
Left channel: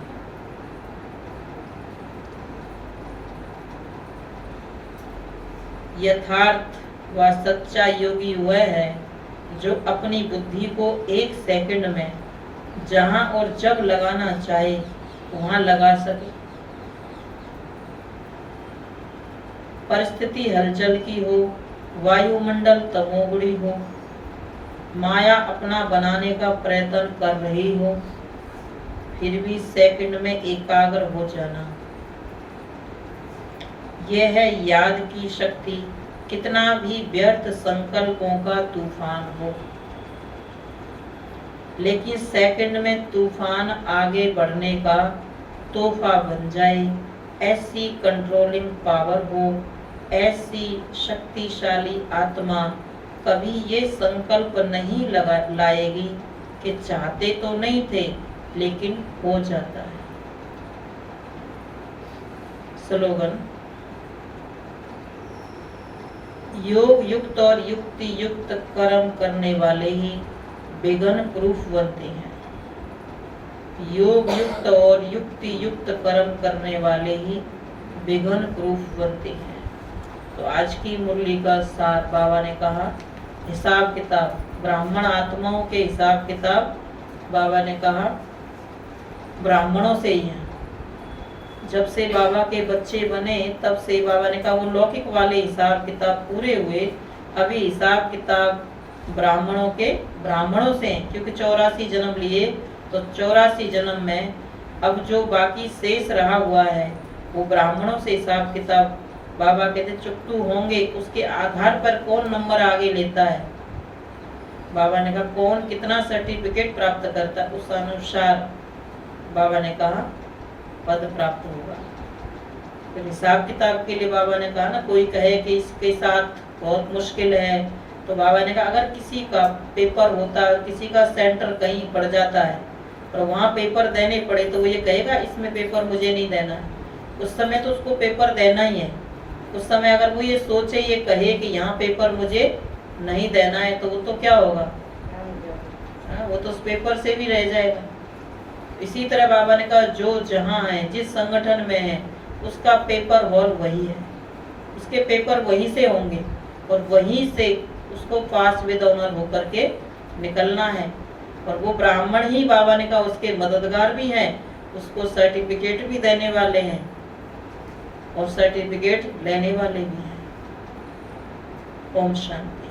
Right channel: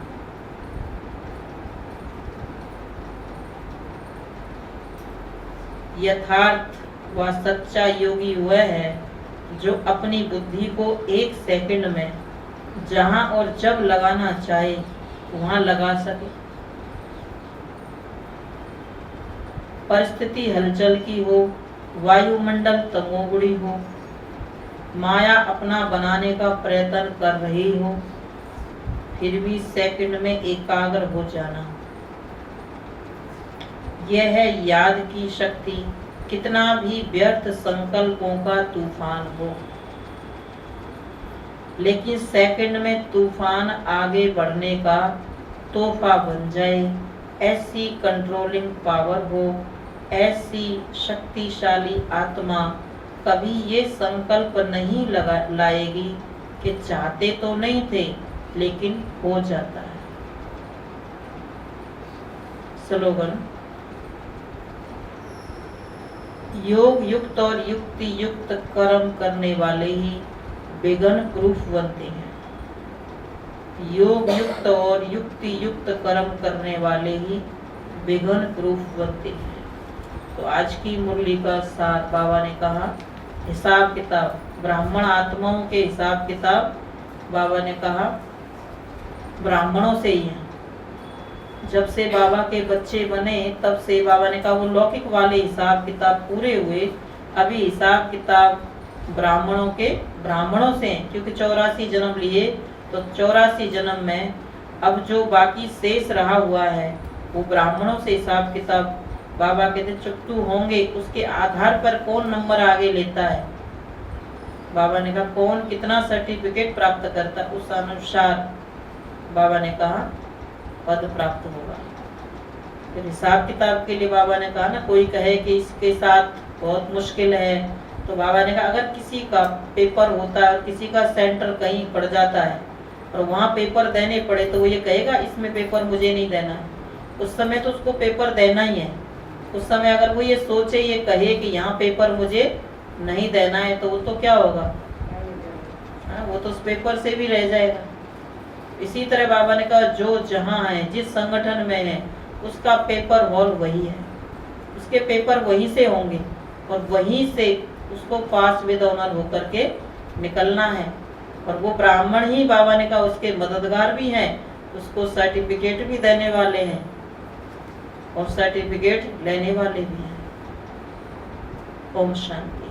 यथार्थ व सच्चा योगी वह है जो अपनी बुद्धि को 1 सेकंड में जहां और जब लगाना चाहे वहां लगा सके। परिस्थिति हलचल की हो, वायुमंडल तमोगुणी हो, माया अपना बनाने का प्रयत्न कर रही हो, फिर भी सेकंड में एकाग्र हो जाना, यह है याद की शक्ति। कितना भी व्यर्थ संकल्पों का तूफान हो, लेकिन सेकंड में तूफान आगे बढ़ने का तोहफा बन जाए। ऐसी कंट्रोलिंग पावर हो, ऐसी शक्तिशाली आत्मा कभी ये संकल्प नहीं लाएगी कि चाहते तो नहीं थे लेकिन हो जाता है। स्लोगन, योग युक्त और युक्ति युक्त कर्म करने वाले ही विघ्न प्रूफ बनते हैं। योग युक्त और युक्ति युक्त कर्म करने वाले ही विघ्न प्रूफ बनते हैं। तो आज की मुरली का सार बाबा ने कहा, हिसाब किताब ब्राह्मण आत्माओं के हिसाब किताब बाबा ने कहा ब्राह्मणों से ही है। जब से बाबा के बच्चे बने तब से बाबा ने कहा वो लौकिक वाले हिसाब किताब पूरे हुए, अभी हिसाब किताब ब्राह्मणों से हैं, क्योंकि 84 जन्म लिए, तो 84 जन्म में अब जो बाकी शेष रहा हुआ है वो ब्राह्मणों से हिसाब किताब बाबा कहते चुकतू होंगे। उसके आधार पर कौन नंबर आगे लेता है, बाबा ने कहा कौन कितना सर्टिफिकेट प्राप्त करता है, उस अनुसार बाबा ने कहा पद प्राप्त होगा। फिर हिसाब किताब के लिए बाबा ने कहा ना, कोई कहे कि इसके साथ बहुत मुश्किल है, तो बाबा ने कहा अगर किसी का पेपर होता है और किसी का सेंटर कहीं पड़ जाता है और वहाँ पेपर देने पड़े तो वो ये कहेगा इसमें पेपर मुझे नहीं देना है, उस समय तो उसको पेपर देना ही है। उस समय अगर वो ये सोचे, ये कहे कि यहाँ पेपर मुझे नहीं देना है, तो वो तो क्या होगा, वो तो उस पेपर से भी रह जाएगा। इसी तरह बाबा ने कहा जो जहाँ है, जिस संगठन में है, उसका पेपर हॉल वही है, उसके पेपर वहीं से होंगे और वहीं से उसको पास विद ऑनर होकर के निकलना है। और वो ब्राह्मण ही बाबा ने कहा उसके मददगार भी हैं, उसको सर्टिफिकेट भी देने वाले हैं और सर्टिफिकेट लेने वाले भी हैं। ओम शांति।